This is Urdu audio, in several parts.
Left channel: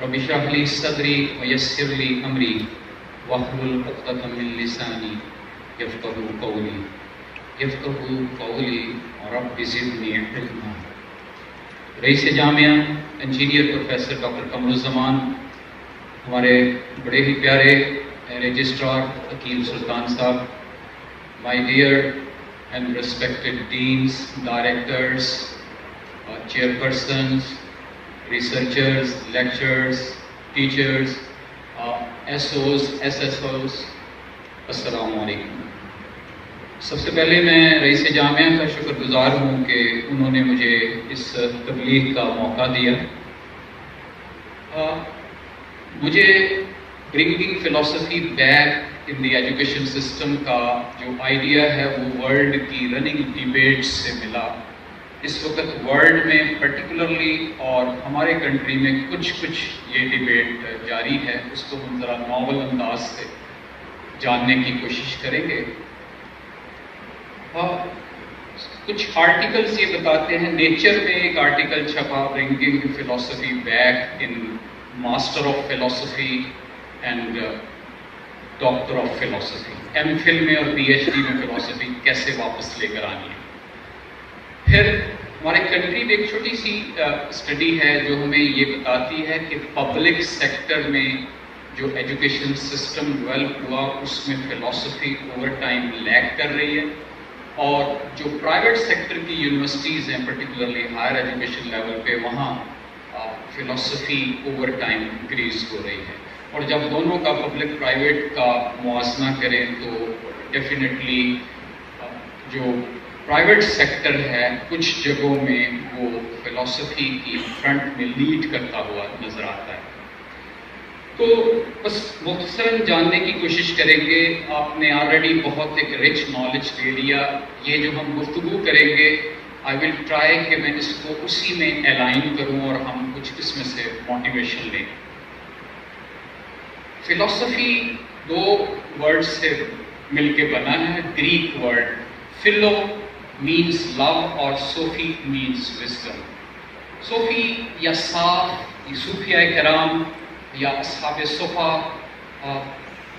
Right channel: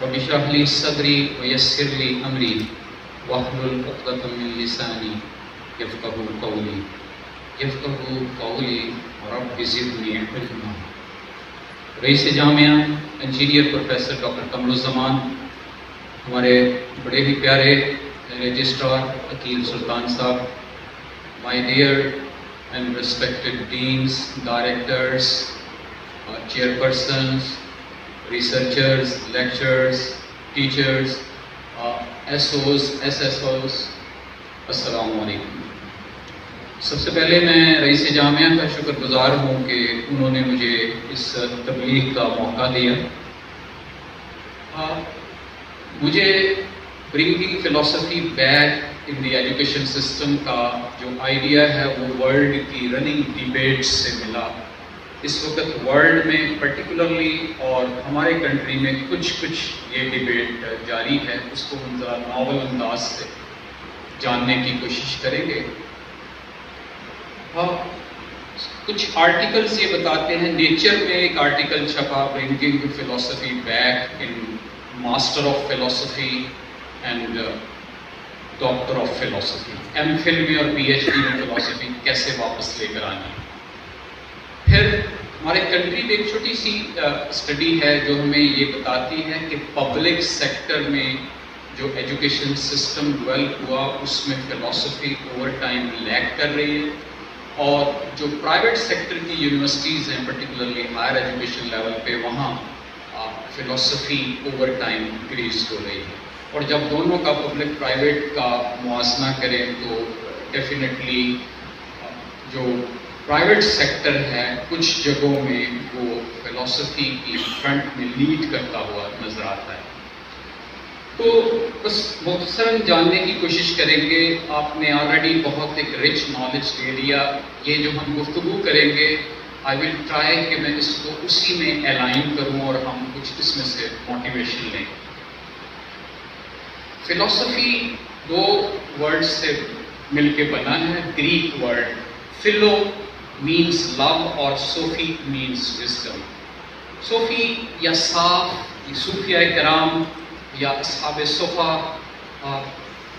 رب اشرح لي صدري ويسر لي أمري واحلل عقدة من لساني يفقهوا قولي رب زدني علما۔ رئیس جامعہ engineer professor doctor Qamar Uzzaman, ہمارے بڑے ہی پیارے رجسٹرار عقیل سلطان صاحب، my dear and respected deans, directors, chairpersons, researchers, lecturers, teachers, SOs, SSOs, السلام علیکم۔ سب سے پہلے میں رئیس جامعہ کا شکر گزار ہوں کہ انہوں نے مجھے اس تبلیغ کا موقع دیا۔ مجھے bringing philosophy back in the education system کا جو آئیڈیا ہے وہ ورلڈ کی رننگ ڈیبیٹ سے ملا۔ اس وقت ورلڈ میں پرٹیکولرلی اور ہمارے کنٹری میں کچھ یہ ڈیبیٹ جاری ہے، اس کو ہم ذرا ناول انداز سے جاننے کی کوشش کریں گے۔ کچھ آرٹیکلز یہ بتاتے ہیں، نیچر میں ایک آرٹیکل چھپا bringing philosophy back in master of philosophy and doctor of philosophy, M Phil میں اور پی ایچ ڈی میں فلاسفی کیسے واپس لے کر آنی ہے۔ پھر ہمارے کنٹری میں ایک چھوٹی سی اسٹڈی ہے جو ہمیں یہ بتاتی ہے کہ پبلک سیکٹر میں جو ایجوکیشن سسٹم ڈیولپ ہوا اس میں فلاسفی اوور ٹائم لیگ کر رہی ہے، اور جو پرائیویٹ سیکٹر کی یونیورسٹیز ہیں پرٹیکولرلی ہائر ایجوکیشن لیول پہ، وہاں فلاسفی اوور ٹائم انکریز ہو رہی ہے۔ اور جب دونوں کا پبلک پرائیویٹ کا موازنہ کریں تو ڈیفینیٹلی جو پرائیویٹ سیکٹر ہے کچھ جگہوں میں وہ فلاسفی کی فرنٹ میں لیڈ کرتا ہوا نظر آتا ہے۔ تو بس مختصراً جاننے کی کوشش کریں گے۔ آپ نے آلریڈی بہت ایک رچ نالج لے لیا۔ یہ جو ہم گفتگو کریں گے آئی ول ٹرائی کہ میں اس کو اسی میں الائن کروں اور ہم کچھ اس میں سے موٹیویشن لیں۔ فلاسفی دو ورڈ سے مل کے بنا ہے، Greek word flu means love اور صوفی means wisdom۔ صوفی یا صاف، صوفیہ کرام یا اصحاب صفا،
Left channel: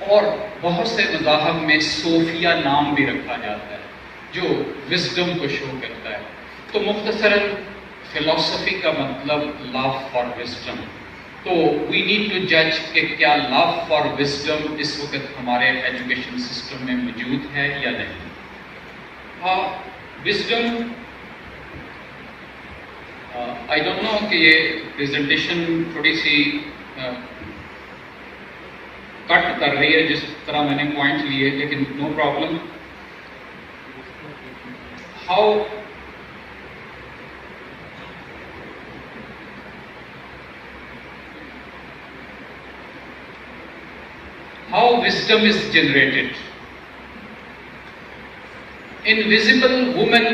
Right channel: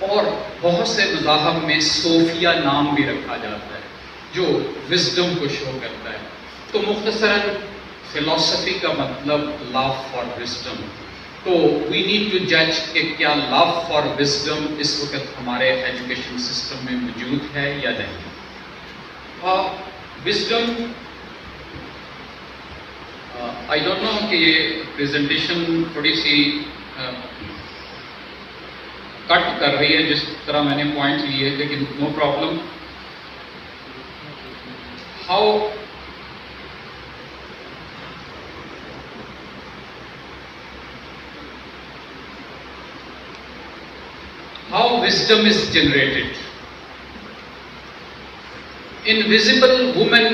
اور بہت سے مذاہب میں صوفیہ نام بھی رکھا جاتا ہے جو وزڈم کو شو کرتا ہے۔ تو مختصراً فلاسفی کا مطلب لو فار وزڈم۔ تو وی نیڈ ٹو جج کہ کیا لو فار وزڈم اس وقت ہمارے ایجوکیشن سسٹم میں موجود ہے یا نہیں۔ وزڈم، آئی ڈونٹ نو کہ یہ پریزنٹیشن تھوڑی سی کٹ کر رہی ہے جس طرح میں نے پوائنٹ لیے، لیکن no problem. How wisdom is generated۔ Invisible woman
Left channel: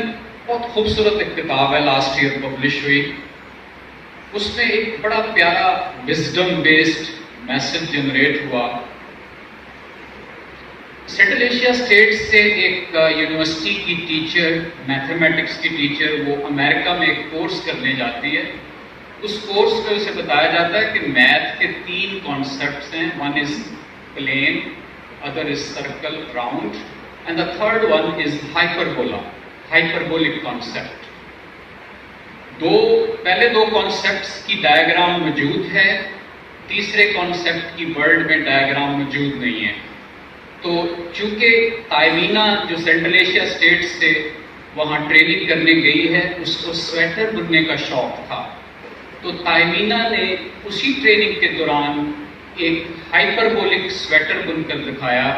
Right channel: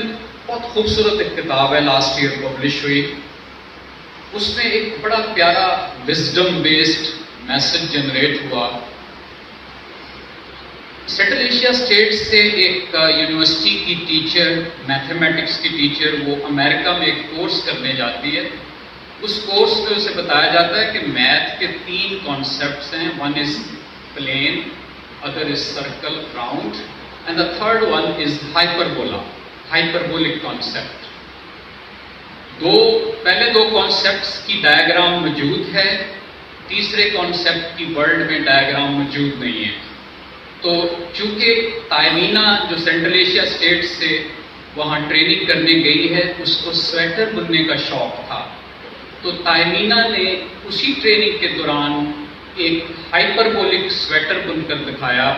بہت خوبصورت ایک کتاب ہے، لاسٹ ایئر پبلش ہوئی۔ اس میں ایک بڑا پیارا وزڈم بیسڈ میسج جنریٹ ہوا۔ سینٹرل ایشیا اسٹیٹ سے ایک یونیورسٹی کی ٹیچر، میتھمیٹکس کی ٹیچر، وہ امریکہ میں ایک کورس کرنے جاتی ہے۔ اس کورس میں اسے بتایا جاتا ہے کہ میتھ کے 3 کانسیپٹس ہیں، one is plain, other is circle round, and the third one is hyperbola، hyperbolic concept۔ پہلے 2 کانسیپٹس کی ڈائیگرام موجود ہے، تیسرے کانسیپٹ کی ورلڈ میں ڈائیگرام موجود نہیں ہے۔ تو چونکہ تائمینہ جو سینٹرل ایشیا اسٹیٹ سے وہاں ٹریننگ کرنے گئی ہے، اس کو سویٹر بننے کا شوق تھا، تو تائمینہ نے اسی ٹریننگ کے دوران ایک ہائپربولک سویٹر بن کر دکھایا،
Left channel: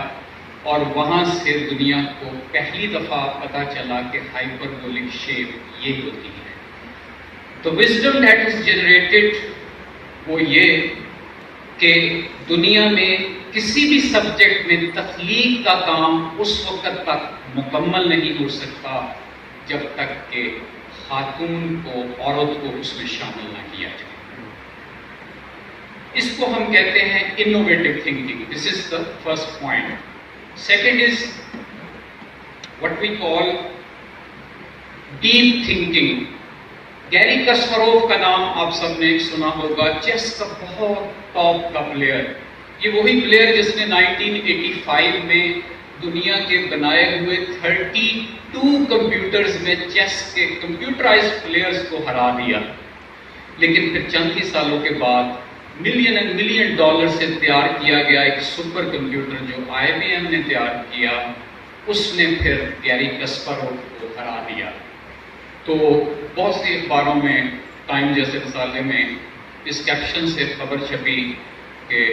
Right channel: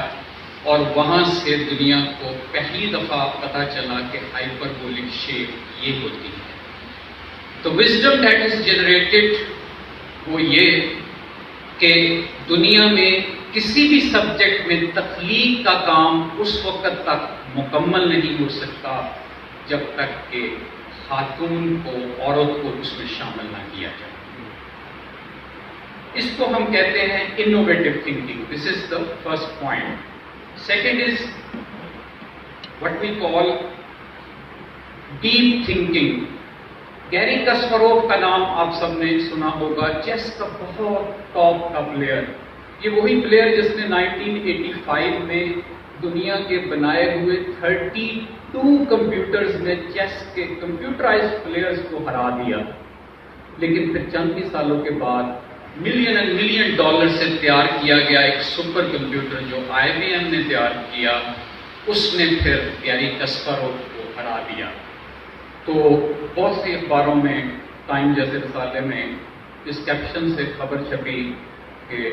اور وہاں سے دنیا کو پہلی دفعہ پتہ چلا کہ ہائپربولک شیپ یہ ہوتی ہے۔ تو وزڈم دیٹ از جنریٹڈ وہ یہ کہ دنیا میں کسی بھی سبجیکٹ میں تخلیق کا کام اس وقت تک مکمل نہیں ہو سکتا جب تک کہ خاتون کو، عورت کو اس میں شامل نہ کیا جائے۔ اس کو ہم کہتے ہیں innovative thinking. This is the first point. Second is what we call deep thinking۔ گیری کسپروف کا نام آپ سب نے سنا ہوگا، چیس کا بہت ٹاپ کا پلیئر. یہ وہی پلیئر جس نے 1985 میں دنیا کے بنائے ہوئے 32 کمپیوٹرز میں چیس کے کمپیوٹرائزڈ پلیئرز کو ہرا دیا. لیکن پھر چند ہی سالوں کے بعد ملین ڈالر سے تیار کیا گیا ایک سپر کمپیوٹر جو IBM نے تیار کیا، اس نے پھر گیری کسپروف کو ہرا دیا. تو بہت سی اخباروں میں، ٹائم جیسے رسالے میں اس کیپشن سے خبر چھپی کہ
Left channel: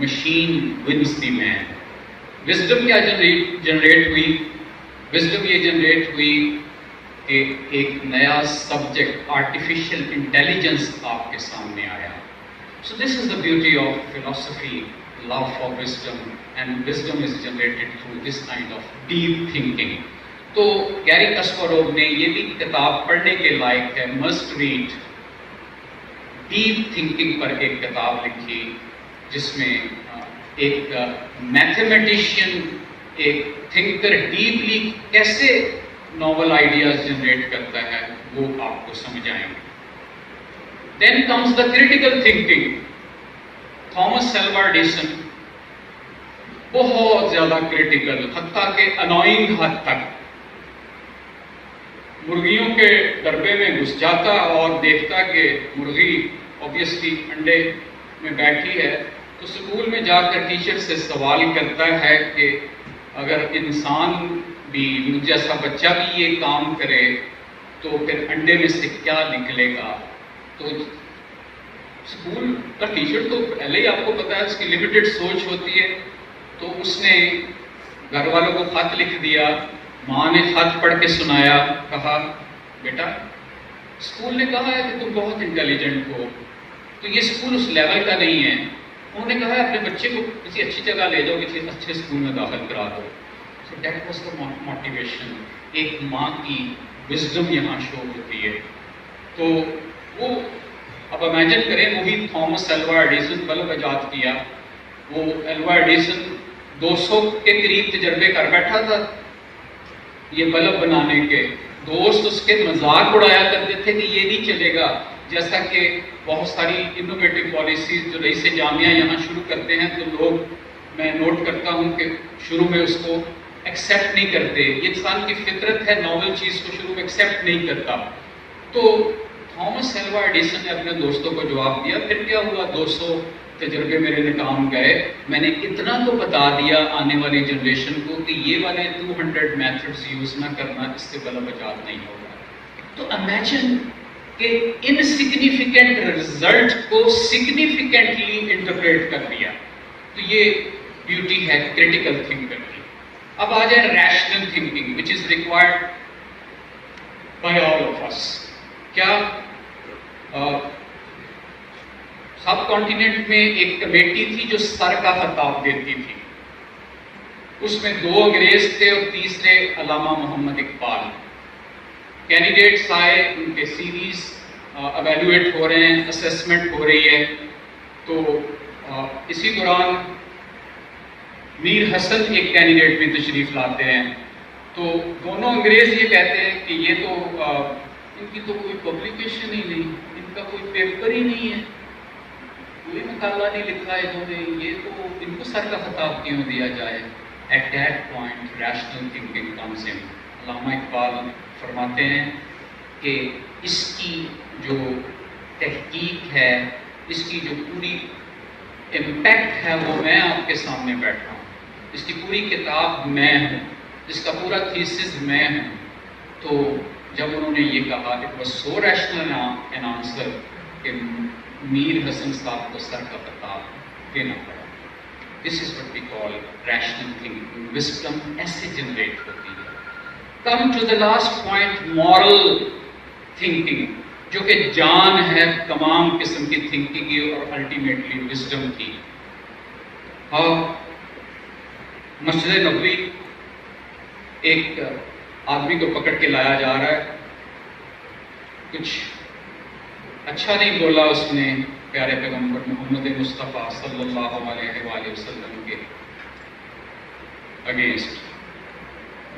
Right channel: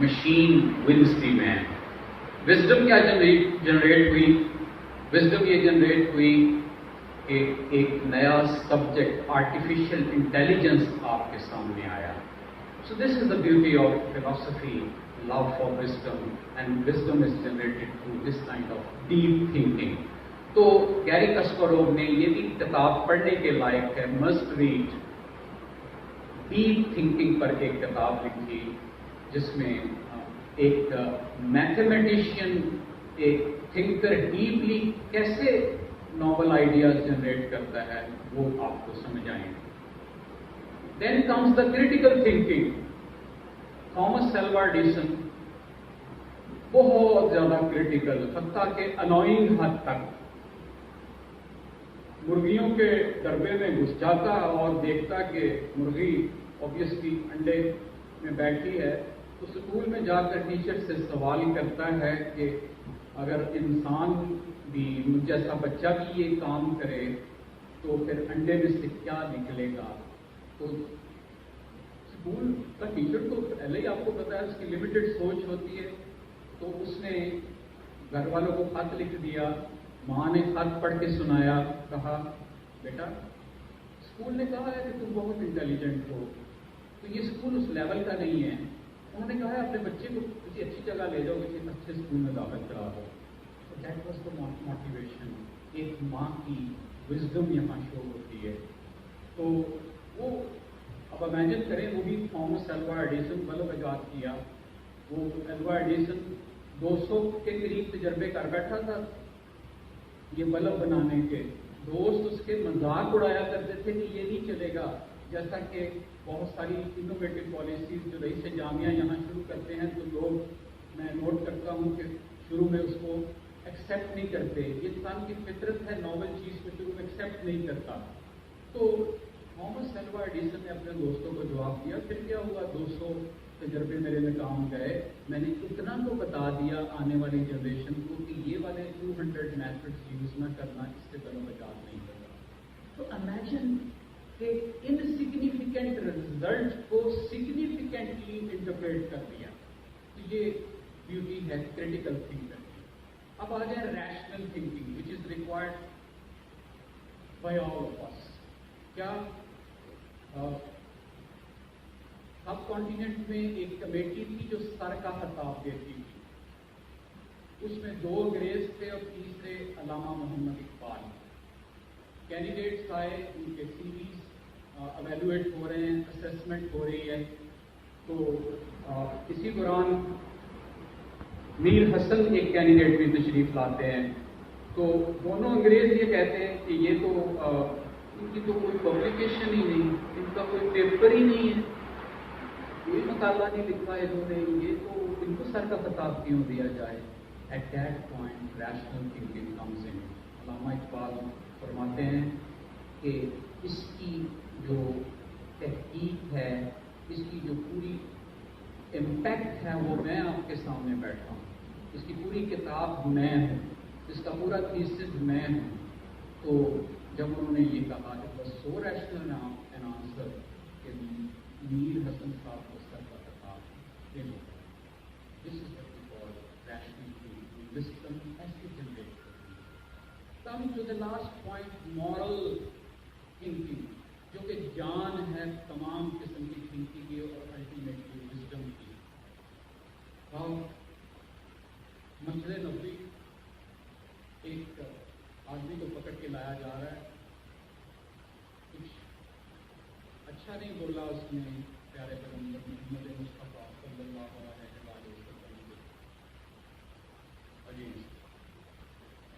machine wins the man. Wisdom کیا جنریٹ ہوئی؟ وزڈم یہ جنریٹ ہوئی کہ ایک نیا سبجیکٹ آرٹیفیشل انٹیلیجنس آپ کے سامنے آیا. So this is the beauty of philosophy, love for wisdom, and wisdom is generated through this kind of deep thinking. تو گیری کسپروف نے یہ بھی کتاب پڑھنے کے لائق ہے، مسٹ ریڈ. ڈیپ تھنکنگ پر ایک کتاب لکھی جس میں ایک میتھمیٹیشین، ایک تھنکر ڈیپلی کیسے ناول آئیڈیاز جنریٹ کرتا ہے وہ آپ کو سمجھ آئیں گے. Then comes the critical thinking. Thomas Alva Edison بہت زیادہ کریٹیکل، حتیٰ کہ انوائنگ حد تک. مرغیوں کے ڈربے میں گھس جاتا اور دیکھتا کہ مرغی اوبیسلی انڈے میں بیٹھی ہے، تو اسکول میں جا کر ٹیچر سے سوال کرتا ہے کہ اگر انسان بھی، مجھ جیسا بچہ بھی یہ کام کرے تو پھر انڈے میں سے کیا نکلے گا. تو اسکول کا ٹیچر تو پہلے ہی آپ کو پتا ہے اس کی لمیٹڈ سوچ ہوتی ہے، تو اس نے گھر والوں کو خط لکھ دیا. ماں نے خط پڑھ کے سنایا، کہا بیٹا اسکول نے کہا ہے کہ تم بہت انٹیلیجنٹ ہو، تو یہ اسکول اس لیول کا نہیں ہے. انہوں نے کہا ہے اپنے بچے کو کسی اچھی جگہ لے جاؤ، کسی اچھے اسکول میں داخل کرا دو. So that was the motivation. ایک ماں کی وزڈم یہاں شو ہوتی ہے. تو وہ اب امیجن کریں، وہی تھامس ایلوا ایڈیسن بلب ایجاد کیا. وہ ایلوا ایڈیسن 200 کے قریب تجربے کر بیٹھا تھا یہ بلب بنانے کے. دوست اس کے مذاق اڑایا کرتے تھے کہ یہ نہیں چلے گا. جیسا کہ بہت ساری انوویٹو پالیسیز جو رئیس جامعہ یہاں شروع کرتے ہیں تو لوگ، میں نوٹ کرتا ہوں کہ شروع میں اس کو ایکسیپٹ نہیں کرتے. یہ انسان کی فطرت ہے، ناول چیز کو شروع میں ایکسیپٹ نہیں کرتا. تو تھامس ایلوا ایڈیسن نے اپنے دوستوں کو جواب دیا. پھر کیا ہوا، 200 تجربے میرے ناکام گئے. میں نے اتنا تو بتا دیا آنے والی جنریشن کو کہ یہ والے 200 میتھڈز یوز نہ کرنا، اس سے بلب ایجاد نہیں ہوگا. تو امیجن کہ انسگنیفیکنٹ رزلٹ کو سگنیفیکنٹلی انٹرپریٹ کر دیا. تو یہ بیوٹی ہے کریٹیکل تھنکر کی. اب آ جائے rational thinking which is required by all of us. کیا سب کانٹیننٹ میں ایک کمیٹی تھی جو سر کا خطاب دیتی تھی. اس میں 2 انگریز تھے اور تیسرے علامہ محمد اقبال. کینڈیڈیٹس آئے، ان کے سیریز ایویلویٹ ہو رہے ہیں، اسیسمنٹ ہو رہی ہے. تو اسی دوران میر حسن ایک کینڈیڈیٹ بھی تشریف لاتے ہیں. تو دونوں انگریز یہ کہتے ہیں کہ یہ تو ان کی تو کوئی پبلیکیشن ہی نہیں، ان کا کوئی پیپر ہی نہیں ہے، کوئی مقالہ نہیں لکھا ہے انہوں نے، یہ تو ان کو سر کا خطاب کیوں دیا جائے. At that point rational thinking comes in. Allama Iqbal فرماتے ہیں کہ اس کی جو تحقیق ہے، اس کی جو پوری امپیکٹ ہے وہ میں آپ کے سامنے بیٹھا ہوں. اس کی پوری کتاب میں ہوں، اس کا پورا تھیسس میں ہوں. تو جب انہوں نے یہ کہا it was so rational an answer کہ میر حسن صاحب کو سر کا خطاب دینا پڑا. This is what we call rational thinking. Wisdom ایسے جنریٹ ہوتی ہے. Come to the last point, moral thinking, جو کہ جان ہے تمام قسم کی تھنکنگ کی اور الٹیمیٹلی وزڈم کی. مسجد نبوی ایک آدمی کو پکڑ کے لایا جا رہا ہے. کچھ اچھا نہیں بولا اس نے پیارے پیغمبر محمد مصطفیٰ صلی اللہ علیہ وآلہ وسلم کے اگینسٹ.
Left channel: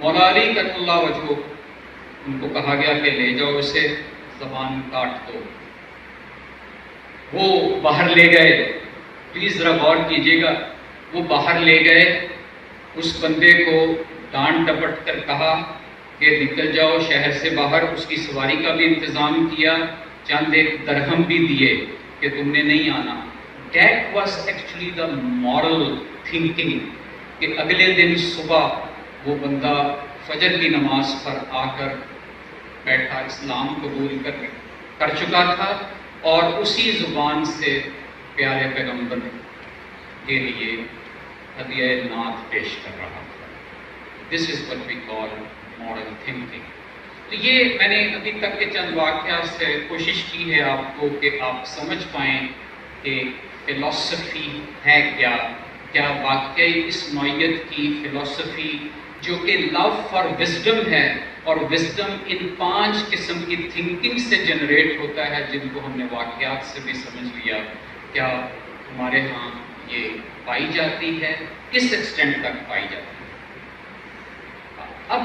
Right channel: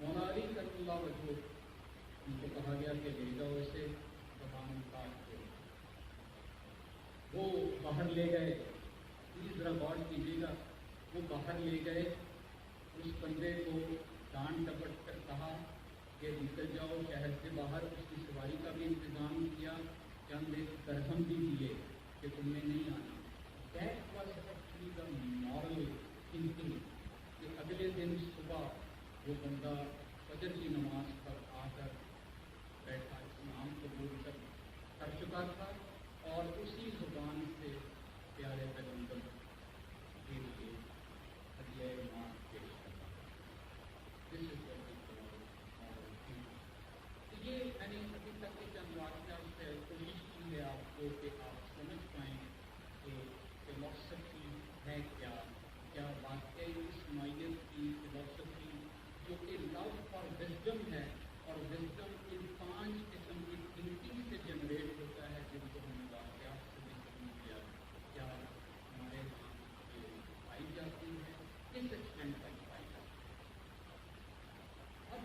مولا علی کرم اللہ وجہہ، ان کو کہا گیا کہ لے جاؤ اسے. زبان کاٹ دو. وہ باہر لے گئے, پلیز ذرا غور کیجیے گا, وہ باہر لے گئے, اس بندے کو ڈانٹ ڈپٹ کر کہا کہ نکل جاؤ شہر سے باہر, اس کی سواری کا بھی انتظام کیا, چند ایک درہم بھی دیے کہ تم نے نہیں آنا. That was actually the moral thinking کہ اگلے دن صبح وہ بندہ فجر کی نماز پر آ کر بیٹھا, اسلام قبول کر چکا تھا اور اسی زبان سے پیارے پیغمبر کے لیے ہدیہ نعت پیش کر رہا تھا. This is what we call moral thinking. تو یہ میں نے ابھی تک کے چند واقعات سے کوشش کی ہے آپ کو کہ آپ سمجھ پائیں کہ فلسفی ہے کیا, کیا واقعی اس نوعیت کی فلسفی جو کہ لو فار وزڈم ہے, اور وزڈم ان 5 قسم کی تھنکنگ سے جنریٹ ہوتا ہے جن کو ہم نے واقعات سے بھی سمجھ لیا, کیا ہمارے ہاں یہ پائی جاتی ہے, کس ایکسٹینٹ تک پائی جاتی ہے. اب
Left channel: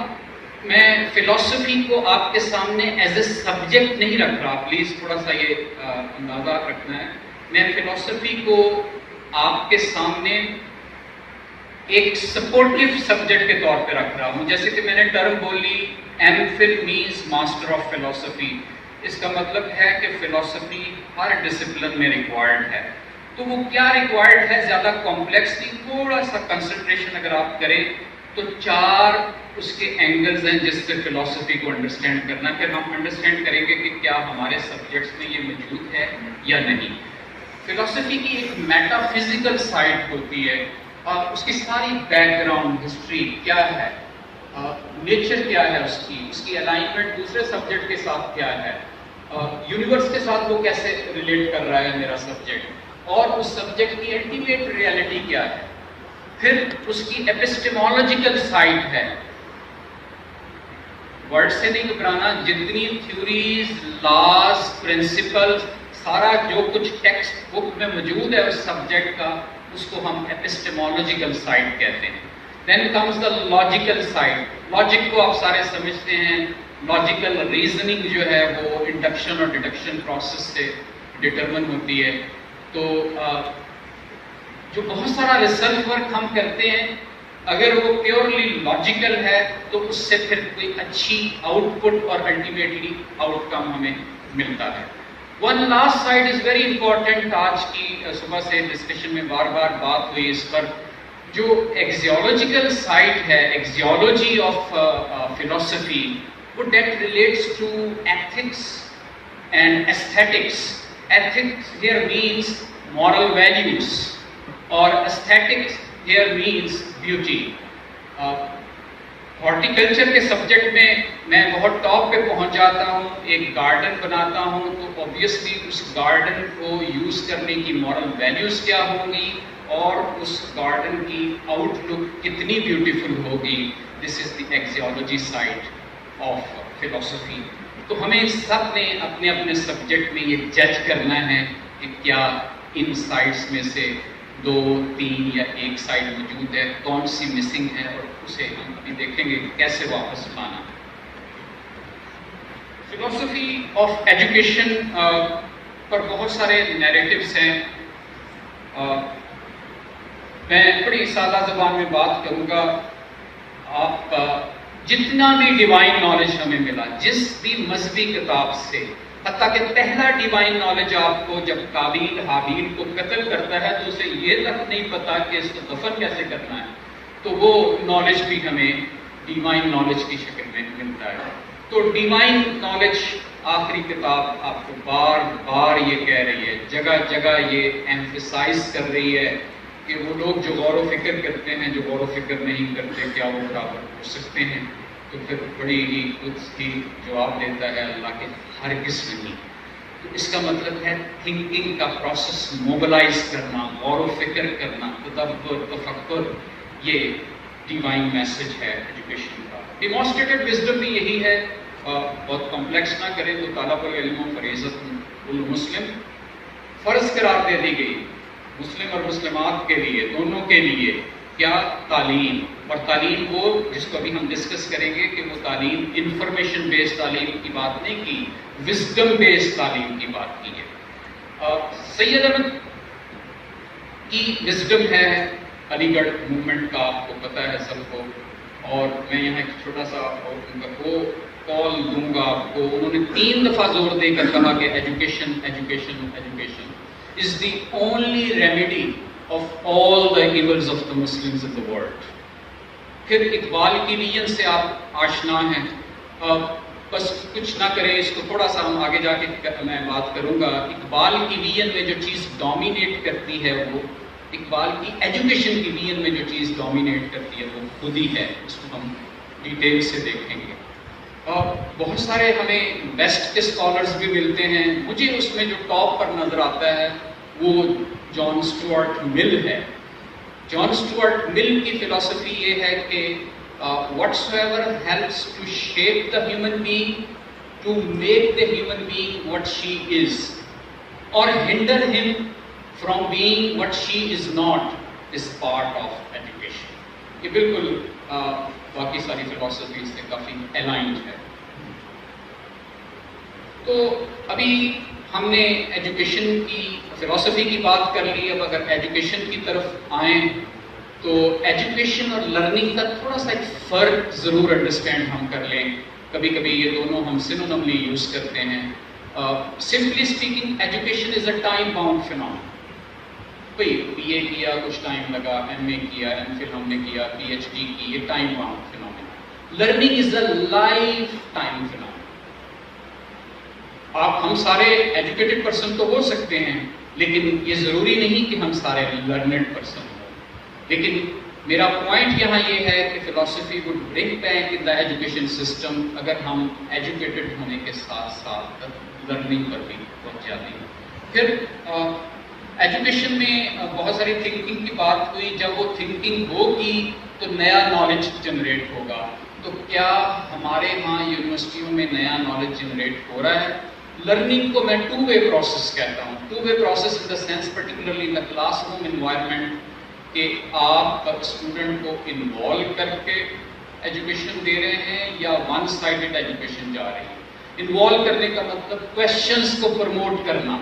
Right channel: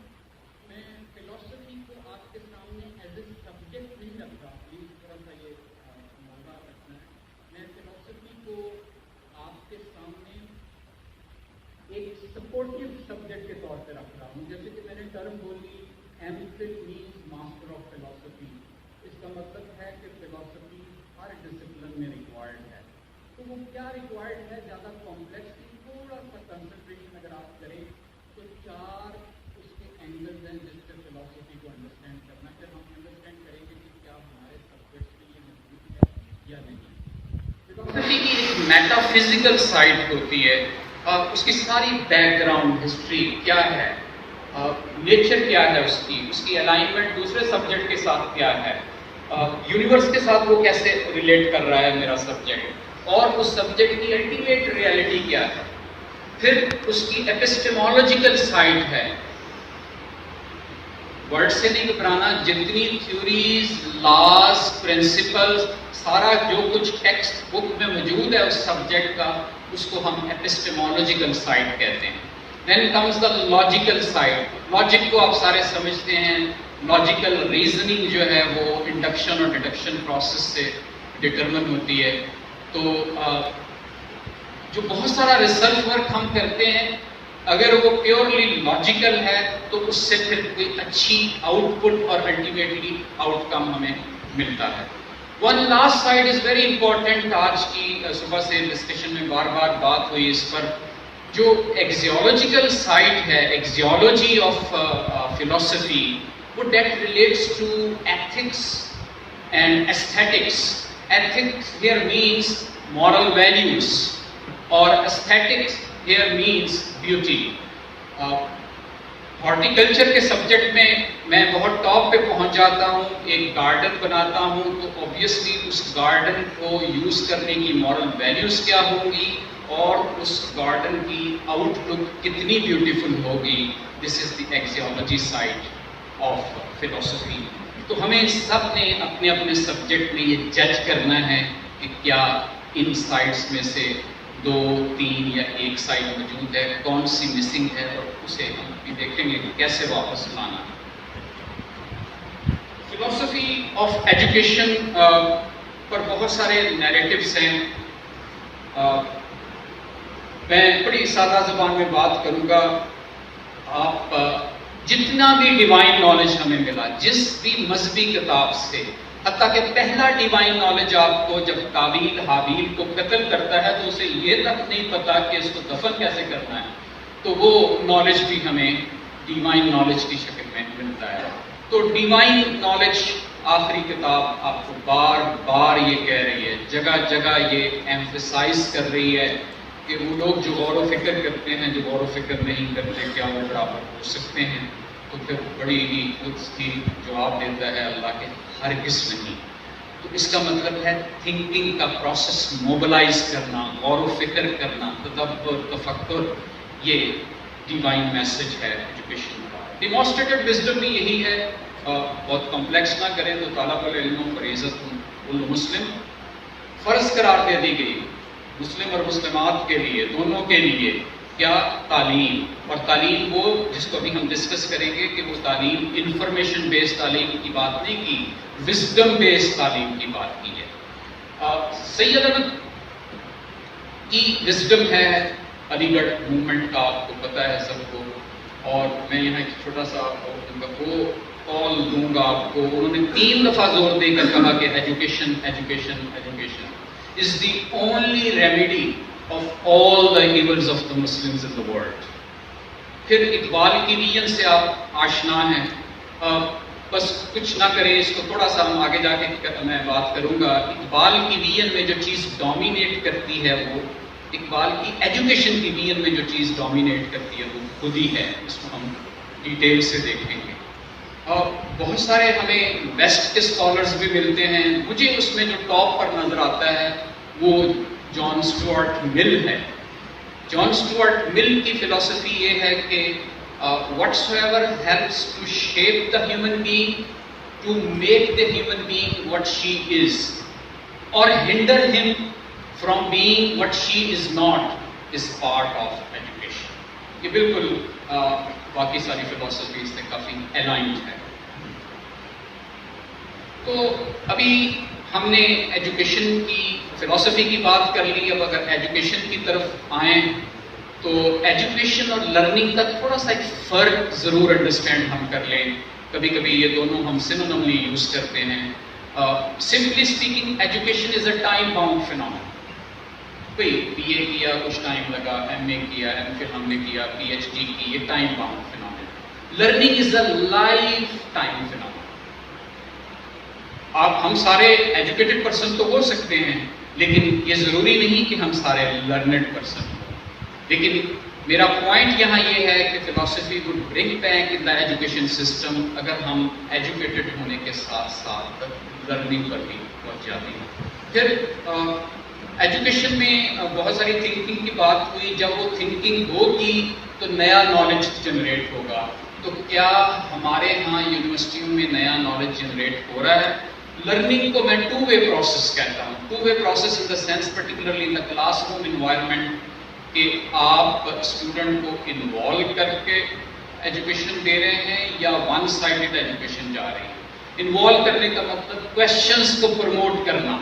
میں فلسفی کو آپ کے سامنے ایز اے سبجیکٹ نہیں رکھ رہا, پلیز تھوڑا سا یہ اندازہ رکھنا ہے. میں فلسفی کو آپ کے سامنے ایک سپورٹیو سبجیکٹ کے طور پہ رکھ رہا ہوں. جیسے کہ میں نے ٹرم بولی M Phil means master of philosophy, اس کا مطلب ہے کہ فلسفی ہر ڈسپلن میں ریکوائرڈ ہے. تو وہ کیا ریکوائرڈ ہے, زیادہ کمپلیکس نہیں, تھوڑا سا کنسنٹریشن اگر آپ کریں تو 4 اس کے اینگلز ہیں جس سے فلسفی کو انڈرسٹینڈ کرنا. پھر ہم انڈرسٹینڈ کریں گے کہ کیا ہمارے سبجیکٹس میں یہ موجود ہے یا نہیں. فلسفی کی ایک میٹا فزیکل سائڈ ہوتی ہے, اس کی ساری بیک گراؤنڈ ہسٹری کیا ہے, نیچر کیا ہے اس کی الائنمنٹ دوسرے سبجیکٹ کے ساتھ کیا ہے, یونیورس کے ساتھ وہ کیسے ریلیٹ کر رہا ہے میرا سبجیکٹ, اور اس سبجیکٹ کی الٹیمیٹ ریئلٹی کیا ہے. پھر اس کی ایپسٹیمولوجیکل سائڈ ہے, ورڈ سے نہیں گھبرانا, جتنی تھیوریز, لاز, پرنسپلز, سارا جو کچھ ٹیکسٹ بک میں موجود ہے اس سبجیکٹ کا, اس کو ہم ایپسٹیمولوجیکل سائڈ کہتے ہیں. Then comes the logical side. Logic کو آپ سارے سمجھتے ہیں, لاجیکل ریزننگ جو ہے وہ انڈکشن اور ڈیڈکشن پروسیس سے ڈٹرمن ہوتی ہے. تو جو بہت سارا ریسرچ ورک ہم کرتے ہیں, اگر وہ پیورلی لاجیکل ہے تو اس سے پھر کوئی اچھی آؤٹ پٹ اور الٹیمیٹلی آؤٹ کم ہمیں ملتا ہے. One last side is very important, آج کی صبح سے ڈسکشن میں بار بار بات ہوئی اس پر, جو ایکزیولوجیکل سائڈ ہے, ایکزیولوجی آف فلسفی, وہ that relates to ethics and aesthetics. Ethics here means moral values, اور aesthetics here means beauty. Horticulture کے سبجیکٹ میں بہت ٹاپ پہ پہنچ جاتا ہوں, ایک گارڈن بناتا ہوں تو اوبیسلی اس گارڈن کو یوز کرنے کی مورل ویلیوز کیا ہوں گی, اور اس گارڈن کی آؤٹ لک کتنی بیوٹیفل ہوگی. دس از دی ایکزیولوجی سائڈ آف فلسفی. تو ہمیں سب نے اپنے اپنے سبجیکٹ میں یہ جج کرنا ہے کہ کیا ان سائڈس میں سے 2, 3 یا 1 سائڈ موجود ہے, کون سی مسنگ ہے, اور اسے ہم بھی دیکھیں گے کیسے واپس لانا. فلسفی آف ایجوکیشن پر بہت سارے نیریٹیوز ہیں. میں بڑی سادہ زبان میں بات کروں گا. آپ جتنا بھی ڈیوائن نالج ہمیں ملا جس بھی مذہبی کتاب سے, حتیٰ کہ پہلا ڈیوائن نالج آپ کو جب قابیل حابیل کو قتل کرتا ہے تو اسے یہ تک نہیں پتا کہ اس کو دفن کیسے کرنا ہے, تو وہ نالج بھی ہمیں ڈیوائن نالج کی شکل میں ملتا ہے. تو ڈیوائن نالج آخری کتاب آپ کو بار بار یہ کہہ رہی ہے, جگہ جگہ یہ ایمفیسائز کر رہی ہے کہ وہ لوگ جو غور و فکر کرتے ہیں, جو غور و فکر نہیں کرتے, کیا وہ برابر ہو سکتے ہیں. تو پھر بڑی ہی اس کی جواب دیتا ہے اللہ کے ہرگز نہیں. تو اس کا مطلب ہے تھنکنگ کا پروسیس موبلائز کرنا, غور و فکر کرنا, تدبر, تفکر, یہ ڈیوائن میسج ہے ایجوکیشن کا. ڈیمانسٹریٹڈ وزڈم بھی یہی ہے. بہت کمپلیکس نہ کریں تو طالب العلموں پر عزت المسلم فرض قرار دے دی گئی, مسلم اور مسلمات کے لیے, دونوں کے لیے. کیا تعلیم, اور تعلیم وہ جس کو ابھی ہم ڈسکس کریں گے کہ وہ تعلیم انفارمیشن بیسڈ تعلیم کی بات نہیں کی, وزڈم بیسڈ تعلیم کی بات کی ہے. سید احمد کی وزڈم ہے علی گڑھ موومنٹ کا، آپ کو پتہ ہے سب کو. اور میں یہاں ایک چھوٹا سا وہ کال دوں گا آپ کو. انہوں نے 3 دفعہ زور دے کر کہا کہ education education education is the only remedy of all the Evans of the Muslims in the world. پھر اقبال کی ویژن سے آپ آشنا ہیں. بس کچھ نہ کریں اس کو تھوڑا سا ہم آگے جا کے میں بات کروں گا. اقبال کی ویژن میں جو چیز ڈومینیٹ کرتی ہے وہ اقبال کی ایجوکیشن کی ویژن میں جو چیز ڈومینیٹ کرتی ہے وہ خود ہی ہے. اس کو ہم ڈیٹیل سے دیکھیں گے. اور بہت سارے ہمیں بیسٹ اسکالرز بھی ملتے ہیں. مجھے اس میں جو ٹاپ پر نظر آتا ہے وہ جان اسٹوارٹ مل ہے. جان اسٹوارٹ مل کی فلسفی یہ ہے کہ whatsoever helps to shape the human being, to make the human being what she is, or hinder him from being what she is not, is part of education. یہ بالکل باقی ساری فلسفی سے کافی الائنڈ ہے. تو ابھی ہم نے ایجوکیشن کی فلسفی کی بات کر لی. اب اگر ایجوکیشن کی طرف آئیں تو ایجوکیشن اور لرننگ کا تھوڑا سا ایک فرق ضرور انڈرسٹینڈ ہم کر لیں. کبھی کبھی یہ دونوں ہم سینونیملی یوز کرتے ہیں. Simply speaking education is a time bound phenomenon. بھائی بی اے کیا کچھ ٹائم لگا, ایم اے کیا, ایم فل ہم نے کیا, پی ایچ ڈی کی, یہ time bound phenomenon. Learning is a life time phenomenon. ہم سارے ایجوکیٹڈ پرسن تو ہو سکتے ہیں لیکن یہ ضروری نہیں کہ ہم سارے لرنڈ پرسن ہوں. لیکن میرا پوائنٹ یہاں یہ ہے کہ فلسفی would bring back in the education system اگر ہم ایجوکیٹڈ ہونے کے ساتھ ساتھ لرننگ پر بھی پہنچ جاتے ہیں. پھر ایجوکیشن میں بہت ساری تھنکنگ کی بات ہوئی. جب وہ تھنکنگ ہوگی تو نیا نالج جنریٹ ہوگا. تو کیا ہمارے ہاں یونیورسٹیوں میں نیا نالج جنریٹ ہو رہا ہے؟ لرننگ کو میں 2-way پروسیس کہتا ہوں. 2-way process in the sense particularly in the class room environment کہ آپ اسٹوڈنٹ کو انوالو کر کے ایجوکیشن دے رہے ہیں یا ون سائڈڈ ایجوکیشن جا رہی ہے. انوالو کرنے کا مطلب کویشچنس کو پروموٹ کرنا.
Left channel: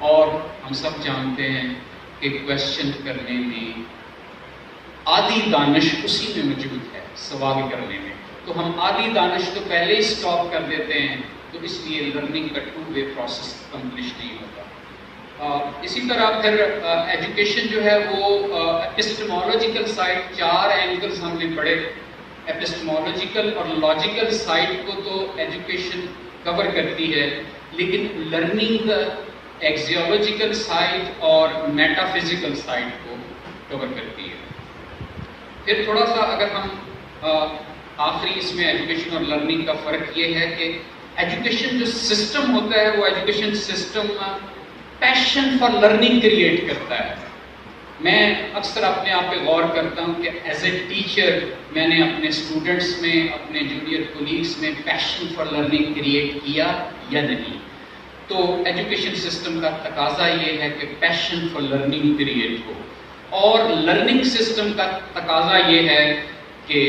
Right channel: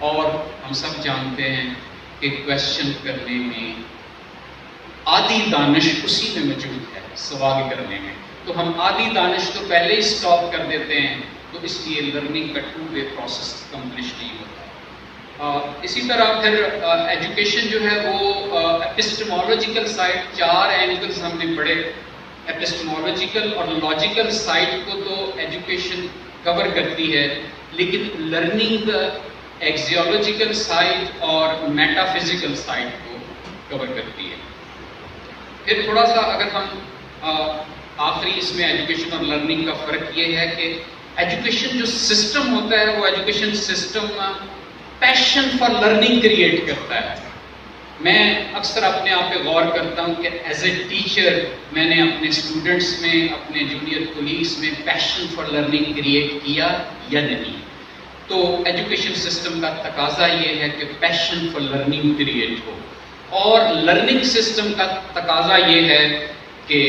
اور ہم سب جانتے ہیں کہ کویشچن کرنے میں آدھی دانش اسی میں موجود ہے, سوال کرنے میں. تو ہم آدھی دانش تو پہلے ہی اسٹاپ کر دیتے ہیں. تو اس لیے لرننگ کا 2-way پروسیس کمپلیش نہیں ہوتا. اسی طرح پھر ایجوکیشن جو ہے وہ ایپسٹمولوجیکل سائڈ, 4 اینگلز ہم نے پڑھے. ایپسٹمولوجیکل اور لاجیکل سائڈ کو تو ایجوکیشن کور کرتی ہے لیکن لرننگ ایکزیولوجیکل سائڈ اور میٹا فزیکل سائڈ کو کور کرتی ہے. پھر تھوڑا سا اگر ہم آخری اس میں ایجوکیشن اور لرننگ کا فرق یہ ہے کہ ایجوکیشن جو سسٹم ہوتا ہے وہ education system passion for learning create کرتا ہے. میں اکثر اپنے آپ پہ غور کرتا ہوں کہ ایز اے ٹیچر میں نے اپنے اسٹوڈنٹس میں, اپنے جونیئر کولیگس میں پیشن فار لرننگ کریٹ کیا یا نہیں. تو ایجوکیشن سسٹم کا تقاضا یہ ہے کہ پیشن فار لرننگ کریٹ ہو, اور لرننگ سسٹم کا تقاضا یہ ہے کہ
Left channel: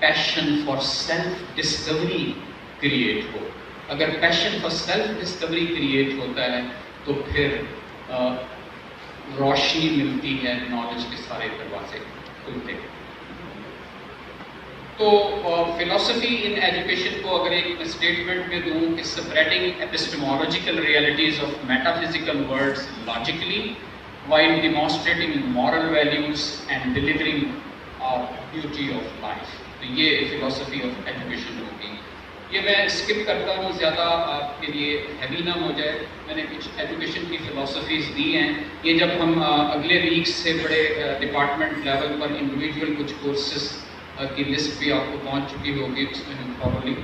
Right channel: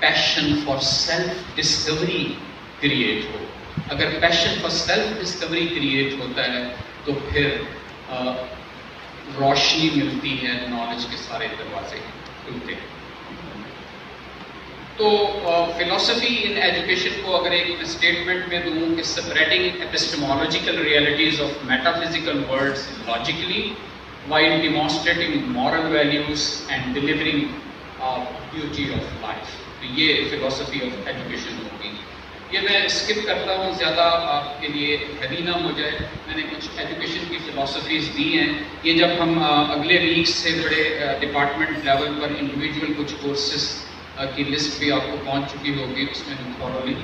passion for self discovery create ہو. اگر passion for self discovery create ہوتا ہے تو پھر روشنی ملتی ہے, نالج کے سارے دروازے کھلتے ہیں. تو فلسفی ان ایجوکیشن کو اگر ایک اسٹیٹمنٹ میں دوں کہ spreading epistemological realities of metaphysical words logically while demonstrating moral values and delivering beauty of life. تو یہ فلسفی آف ایجوکیشن ہوگی. یہ میں اسکپ کرتا ہوں زیادہ آپ کے لیے ہیوی نہ ہو جائے. میں نے کچھ ایجوکیشن کی فلسفیز دی ہیں. یہ جب ہم اگلے ویک سے بڑے ڈپارٹمنٹ لیول پر انڈیویجول کچھ کورسز کی لسٹ بھی آپ کو پہنچ چکی ہوگی, اس میں ہم تھوڑی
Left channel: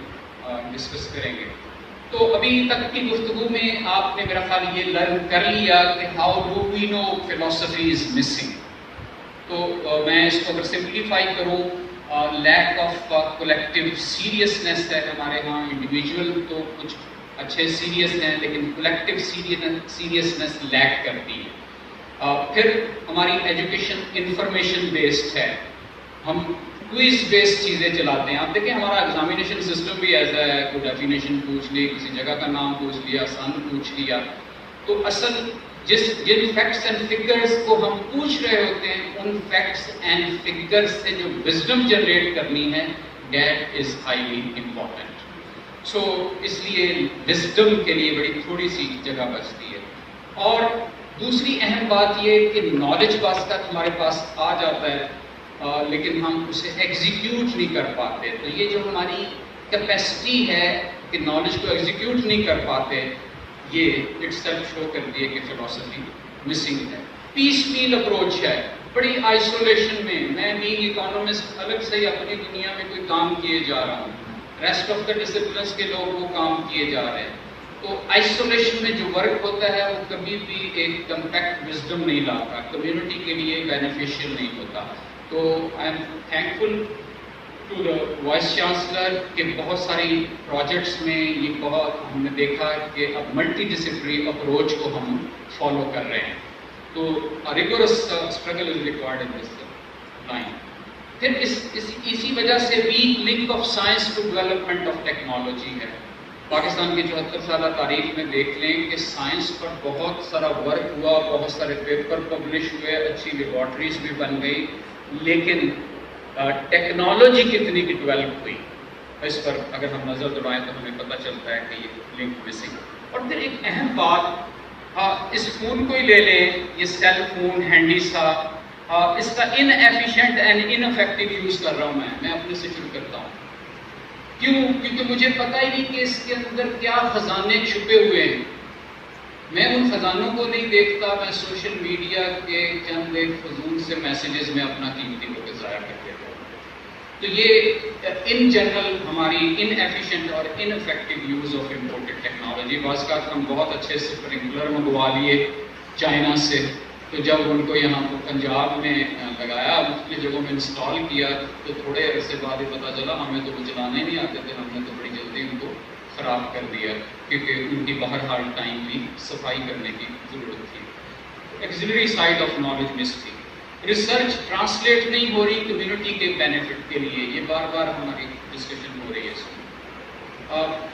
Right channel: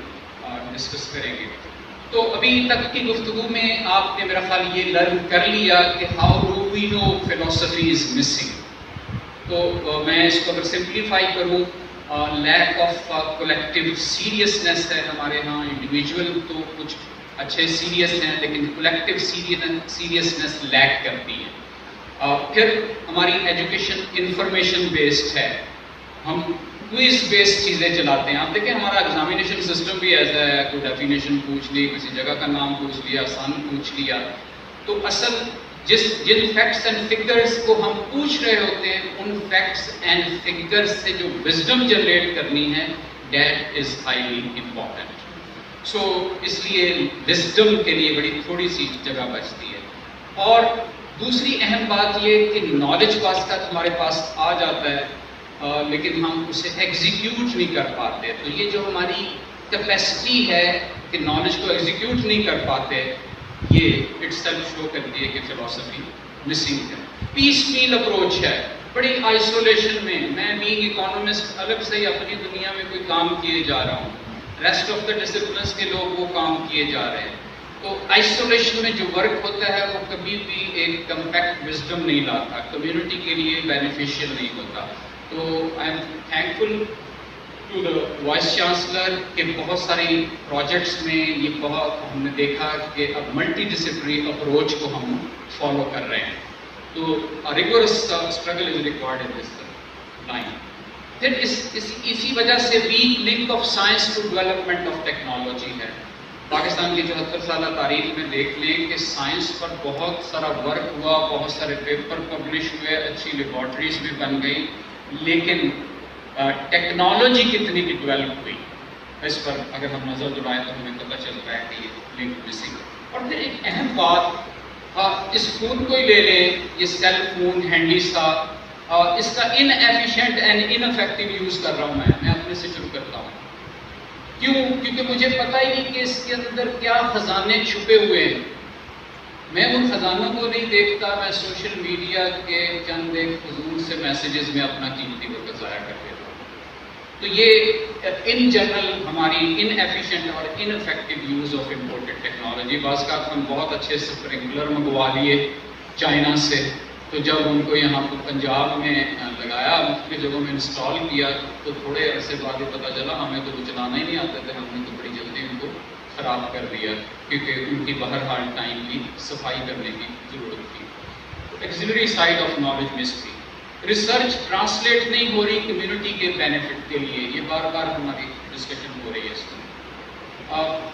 ڈسکس کریں گے. تو ابھی تک کی گفتگو میں آپ نے میرا خیال یہ لرن کر لیا کہ ہاؤ ڈو وی نو فلسفی از مسنگ. تو میں اس کو اگر سمپلیفائی کروں, لیک آف کولیکٹیو سیریسنیس ہے ہمارے ہاں. انڈیویجول تو کچھ اچھے سیریس ہیں لیکن کولیکٹیو سیریسنیس لیک کرتی ہے. پھر ہماری ایجوکیشن انفارمیشن بیسڈ ہے. ہم کوئز بیس چیزیں چلاتے ہیں. آپ دیکھیں ہمارا ایگزامینیشن سسٹم بھی ایسا ہے, کوئی ڈیفینیشن پوچھ لی, کسی جگہ کا نام پوچھ لیا, سن پوچھ لیا. تو اصل جن فیکٹس اینڈ فگرس کو ہم پوچھ رہے ہوتے ہیں, ان فیکٹس اینڈ فگرس سے جو وزڈم جنریٹ کرنی ہے, دیٹ از ہائیلی امپورٹنٹ. سو اس لیے وزڈم کے لیے بڑی تھوڑی سی جگہ بچتی ہے. اور دوسری اہم بات یہ کہ نالج بعض کا ہمارے پاس آ جاتا ہے, لیکن ہم اسے ایگزیکیوٹ نہیں کر پاتے. تو یہ جو ہماری کیپیسٹی ہے کہ نالج کو ایگزیکیوٹ نہیں کر پاتے, یہ اٹ سیلف شو کرتی ہے کہ فلسفی مسنگ ہے. پیس میل اپروچ ہے, بڑی آئسولیشن میں بینگ اکانومسٹ الگ سے ہی اپنی دنیا میں کوئی کام کیے جا رہا ہوں, ریسٹ آف دا ڈسپلنس کے لوگ وہ کام کیے جا رہے ہیں. تو آئسولیشن میں جو ورک ہوتا ہے وہ کبھی بھی ایک کمپیکٹ وزڈم نہیں لاتا, کمیونٹی کے لیے بینیفیشیل نہیں ہوتا. تو I am thankful to the vice chancellor کہ بہت ساری پروجیکٹس میں یہ بہت ہم نے دیکھا کہ اب ملٹی ڈسپلنری اپروچ کو ہم فالو کر رہے ہیں. تو rigorous struggle is required in this line. پھر اسی وجہ سے weak link of science to development of technology ہے. پاکستان کی 74 سالہ تاریخ میں دیکھ لیں کہ سائنس پر بہت سارا ورک ہوا, بہت سارے پیپر پبلش ہوئے, اچھی لیبارٹریز بھی بن گئی, لیکن ٹیکنالوجی کتنی بھی ڈیولپ ہوئی اس پر اگر ہم نظر دوڑائیں تو ہمیں پتہ چلتا ہے کہ یہ لنک مسنگ. اور پھر ایک اہم بات, اس فون کو ہی لے لیں, یہ سیل فون ہینڈی سا, اس کا inefficient and ineffective use کر رہا ہوں میں اپنے سے شروع کرتا ہوں. کیوں؟ کیونکہ مجھے پتہ ہی نہیں کہ اس کے اندر کیا خزانے چھپے ہوئے ہیں. میں ان خزانوں کو نہیں دیکھتا, میں سوشل میڈیا کے چند ایک فضول سے میسیجز میں اپنا قیمتی وقت ضائع کر دیتا ہوں. تو یہ ان جنرل ہماری ان ایفیشینٹ اور ineffective use of imported technology. بعض کا ہم بہت اچھے اسپرنکلر منگوا لیے چائنا سے, تو جب ان کو یہاں پر پنجاب میں لگایا, مختلف جگہوں میں انسٹال کیا, تو تھوڑے عرصے بعد یہ پتہ چلا ہمیں تو وہ چلانا ہی نہیں آتے تھے, ہم نے تو بڑی جلدی ان کو خراب کر دیا کیونکہ ان کی بہرحال ٹائملی صفائی کرنے کی ضرورت تھی. ایکسلری سائڈ آف نالج مس تھی. ریسرچ ٹرانسلیٹ نہیں ہو رہی کمیونٹی کے بینیفٹ کے لیے, یہ بار بار ہماری ڈسکشن ہو رہی ہے اس میں.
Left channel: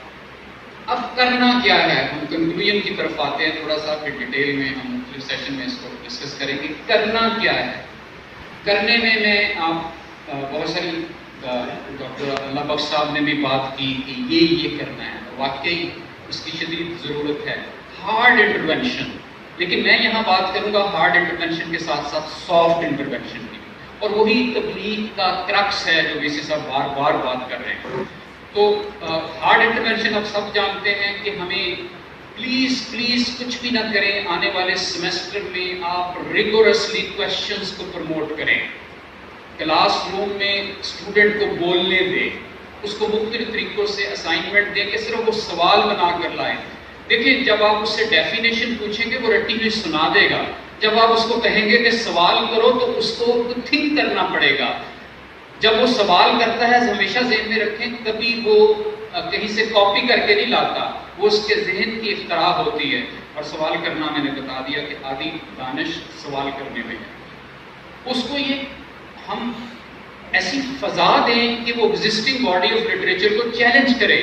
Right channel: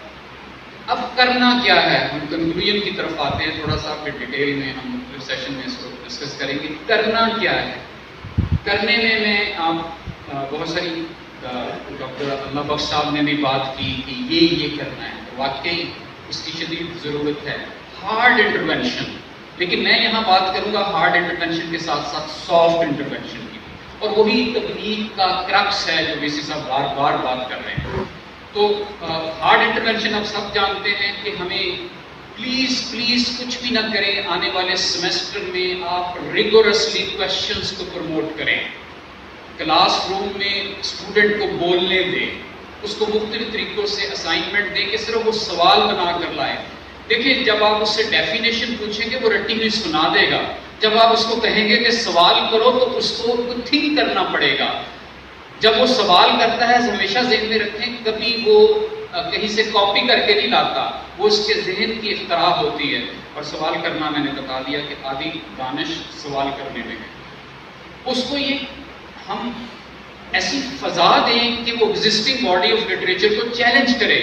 اب کرنا کیا ہے, ہم کنکلوژن کی طرف آتے ہیں تھوڑا سا, پھر ڈیٹیل میں ہم مختلف سیشن میں اس کو ڈسکس کریں گے. کرنا کیا ہے؟ کرنے میں آپ بہت ساری ڈاکٹر اللہ بخش صاحب نے بھی بات کی کہ یہ کرنا ہے, واقعی اس کی شدید ضرورت ہے. ہارڈ انٹروینشن, لیکن میں یہاں بات کروں گا ہارڈ انٹروینشن کے ساتھ ساتھ سافٹ انٹروینشن کی, اور وہی تبلیغ کا کرکس ہے جو ویسی صاحب بار بار بات کر رہے ہیں. تو ہارڈ انٹروینشن آپ سب جانتے ہیں کہ ہمیں پلیز کچھ بھی نہ کریں, آنے والے سیمسٹر میں آپ ریگورسلی کویشچنس کو پروموٹ کریں, کلاس روم میں اسٹوڈنٹ کو بولنے دیں, اس کو مختلف طریقوں سے اسائنمنٹ دیں کہ صرف وہ سوال بنا کر لائیں. دیکھیں جب آپ اس سے ڈیفینیشن پوچھیں گے وہ رٹی ہوئی سنا دے گا, جب آپ اس کو کہیں گے کہ سوال کرو تو اس کو تھنک کرنا پڑے گا. جب وہ سوال کرتا ہے ہمیشہ ذہن میں رکھیں, کبھی وہ کہیں سے کاپی کر کے نہیں لاتا, وہ اس کے ذہن کی اختراع ہوتی ہے. اور سوال کرنا میں نے بتا دیا کہ آدھی دانش سوال کرنے میں ہے. اس کو یہ ہم ایسی فضا دیں کہ وہ ایگزسٹنگ باڈی آف لٹریچر کو چیلنج کرے,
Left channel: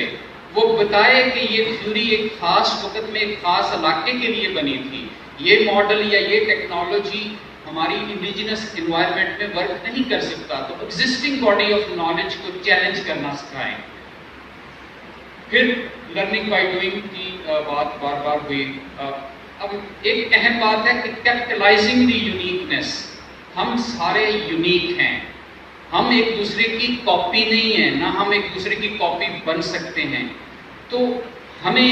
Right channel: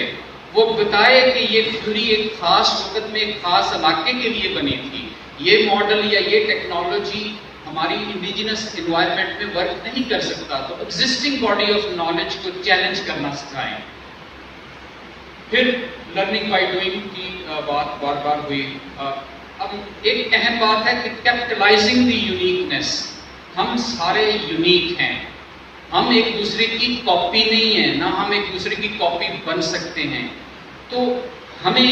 وہ بتائے کہ یہ تھیوری ایک خاص وقت میں ایک خاص علاقے کے لیے بنی تھی, یہ ماڈل یا یہ ٹیکنالوجی ہماری انڈیجنس انوائرمنٹ میں ورک نہیں کر سکتا. تو ایگزسٹنگ باڈی آف نالج کو چیلنج کرنا سکھائیں. پھر لرننگ بائی ڈوئنگ کی بات بار بار ہوئی. اب ایک اہم بات ہے کہ کیپٹلائزنگ دی یونیکنیس. ہم سارے یونیک ہیں, ہم ایک دوسرے کی کاپی نہیں ہیں, نہ ہم ایک دوسرے کی کاپی بن سکتے ہیں. تو ہمیں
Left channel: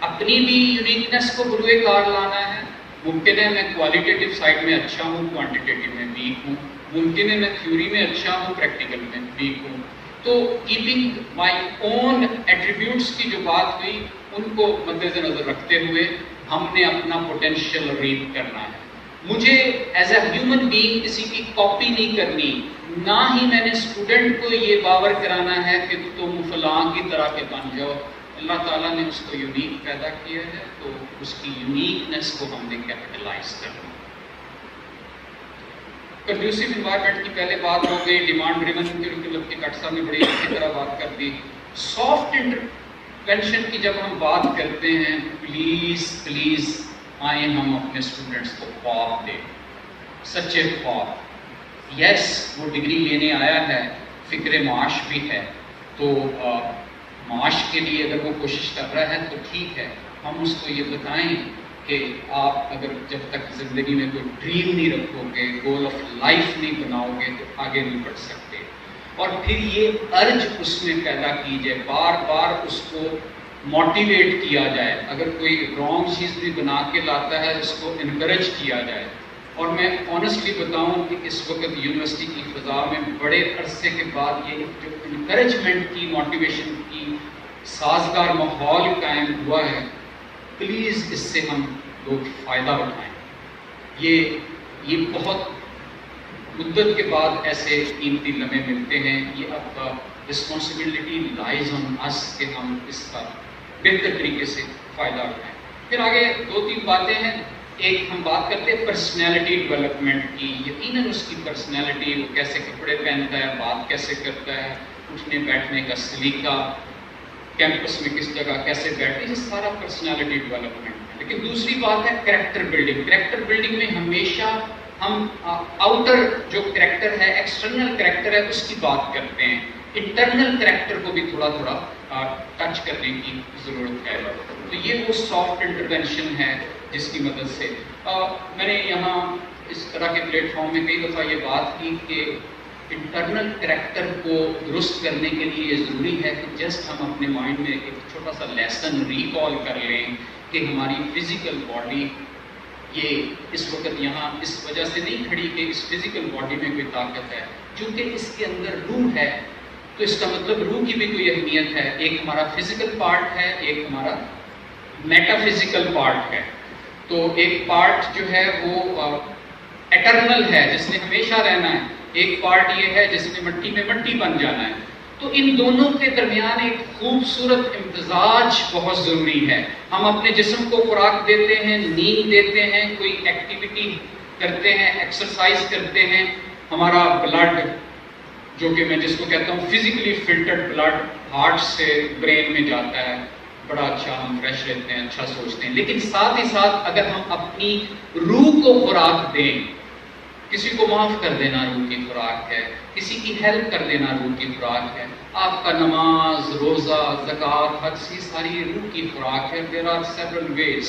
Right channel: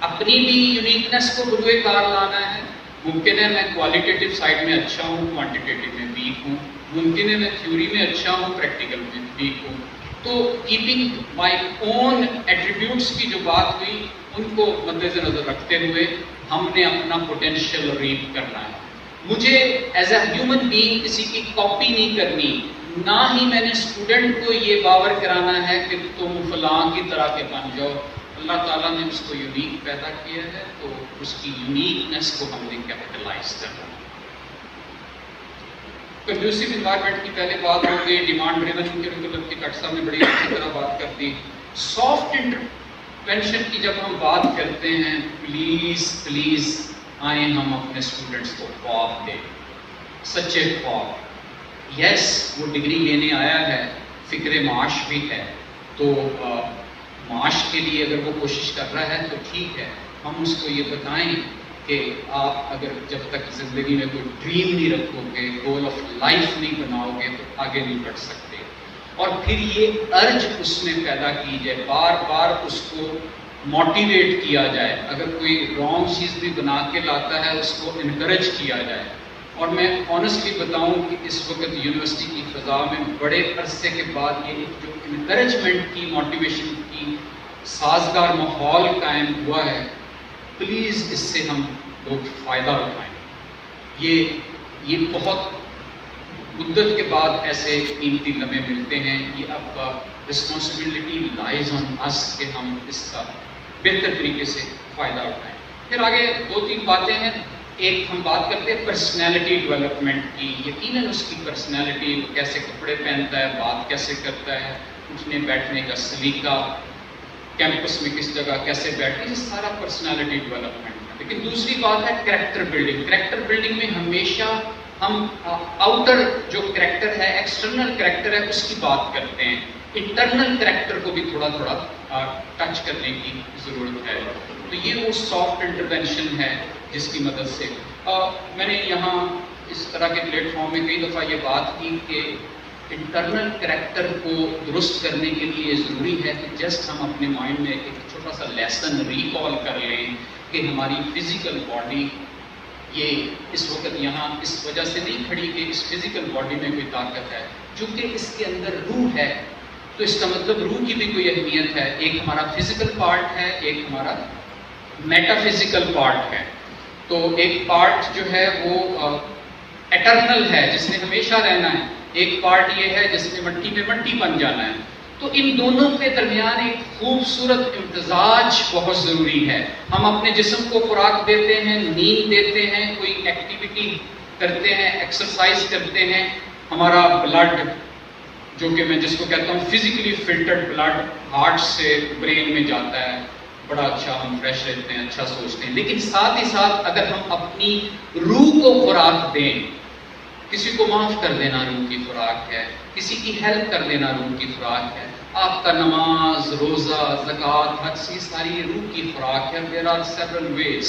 اپنی بھی یونیکنیس کو بروئے کار لانا ہے. ممکن ہے میں کوالٹیٹیو سائڈ میں اچھا ہوں, کوانٹیٹیو میں ویک ہوں, ممکن ہے میں تھیوری میں اچھا ہوں, پریکٹیکل میں ویک ہوں. تو کیپنگ مائی اون ایٹریبیوٹس کی جو بات ہوئی ان کو مد نظر رکھتے ہوئے ہم نے اپنا پوٹینشیل ریپ کرنا ہے. مجھے ایز اے ہیومن بینگ کسی کی کاپی نہیں کرنی, نہ ہی میں نے اسٹوڈنٹ کو یہ باور کرانا ہے کہ تم فلاں کی طرح کے بن جاؤ. اللہ تعالیٰ نے اس کو یونیک پیدا کیا ہے, تو اس کی یونیکنیس کو ہم نے کیپٹلائز کرنا. کنڈیوسو انوائرمنٹ کی پہلے بات ہو گئی، ڈیمانڈ ڈریون کی ڈاکٹر صاحب نے بڑی اچھی طرح بات کر دی. سافٹ انٹرونشن کی جب ہم بات کرتے ہیں، پلیز آئیں ہم اپنے اسٹوڈنٹس کو خواب دیں، سچے خواب. یس وہ ڈگری لینے آیا ہے، فکر معاش بھی ہے، تو معاش کے لیے اگر وہ کوشش کر رہا ہے تو ٹھیک ہے. ہم اس کو یہ بتائیں کہ آپ اگر جب تک زندگی میں کوئی ڈریم نہیں رکھو گے، گول آف لائف نہیں بناؤ گے تو آگے نہیں بڑھ سکتے. اور پھر یہ ارج اس میں پیدا کی جائے، بار بار اس کو موٹیویٹ کیا جائے. اگر کوئی رانگ چیز بھی بنا کے لاتا ہے اس کو انکریج کیا جائے. اور میں آنیسٹلی بتاؤں کہ اس وقت یونیورسٹی کی فضا میں بڑے عرصے کے بعد یہ جو انکریجمنٹ کی، موٹیویشن کی سازگار ماحول قائم ہوا ہے. پلیز اس سے ہم لوگ فائدہ اٹھائیں. یہ بہت مدت کے بعد ایسے قیمتی لمحے ملتے ہیں. یہ آپ کا رسپانسبلٹی لائز آن اس کہ ہم اس کا بہتر طریقے سے فائدہ اٹھائیں. پھر آگے 2-3 باتیں ہیں. ایک ہم بات کرتے ہیں پرسنالٹی ڈیولپمنٹ کی. یقیناً اس کی پرسنالٹی، وہ کیسے کپڑے پہنتا ہے، بات کیسے کرتا ہے، اٹھنے بیٹھنے کا سلیقہ، کیمپس میں کس جگہ کیسے بیٹھے، یہ سارا پرسنالٹی ڈیولپمنٹ. لیکن دوسری بات ہے کریکٹر بلڈنگ. کریکٹر بلڈنگ میں ہمیشہ ہم آؤٹر جو کریکٹر ہے، ایکسٹرنل کریکٹر ہے، اس کی بات کرتے ہیں. انٹرنل کریکٹر کو بھی تھوڑا تھوڑا ٹچ کرنے کی ضرورت ہے. تو یہ وہ سافٹ انٹرونشن ہے جس کی مدد سے میں نے یہاں اس طرح کے پلیٹ فارم میں کئی دفعہ یہ بات کی کہ انٹرنل کریکٹر کو درست کرنے کے لیے یہ ضروری ہے کہ جسٹ ہم اپنے مائنڈ میں ایک چھوٹا سا لیسن ریکال کر لیں کہ ہماری فزیکل باڈی یہ اس وقت یہاں اس وجہ سے نہیں کھڑی کہ اس فزیکل باڈی میں کوئی طاقت ہے، چونکہ اس کے اندر روح ہے. تو اس کا مطلب روح کی بھی کوئی اہمیت ہے. ایک ہمارا فزیکل پارٹ ہے، ایک ہمارا میٹا فزیکل پارٹ ہے. تو ایک پارٹ جو ہے وہ ایٹرنل ہے، جس نے ہمیشہ رہنا ہے. ایک پارٹ یہ ہے جس نے مٹی میں مٹی بن جانا ہے. تو ان دونوں کے درمیان ایک خوبصورت امتزاج بہت ضروری ہے. ہم اپنے جسم کو خوراک دیتے ہیں، نیند دیتے ہیں، کوئی ایکٹیویٹی کرتے ہیں، ایکسرسائز کرتے ہیں. ہمارا بلڈ جو کہ میں جس کو کہتا ہوں فزیکلی فلٹرڈ بلڈ ہارٹ سے برین میں جاتا ہے، بڑا اچھا ہم فریش رہتے ہیں، اچھا سوچتے ہیں. لیکن ساتھ ہی ساتھ اگر ہم اپنی روح کو خوراک دیں، کسی کو معاف کر دینا روح کی خوراک ہے، کسی کی ہیلپ کر دینا روح کی خوراک ہے. آپ کا نماز، روزہ، زکوٰۃ، حج، ساری روح کی خوراک ہے. There are several ways.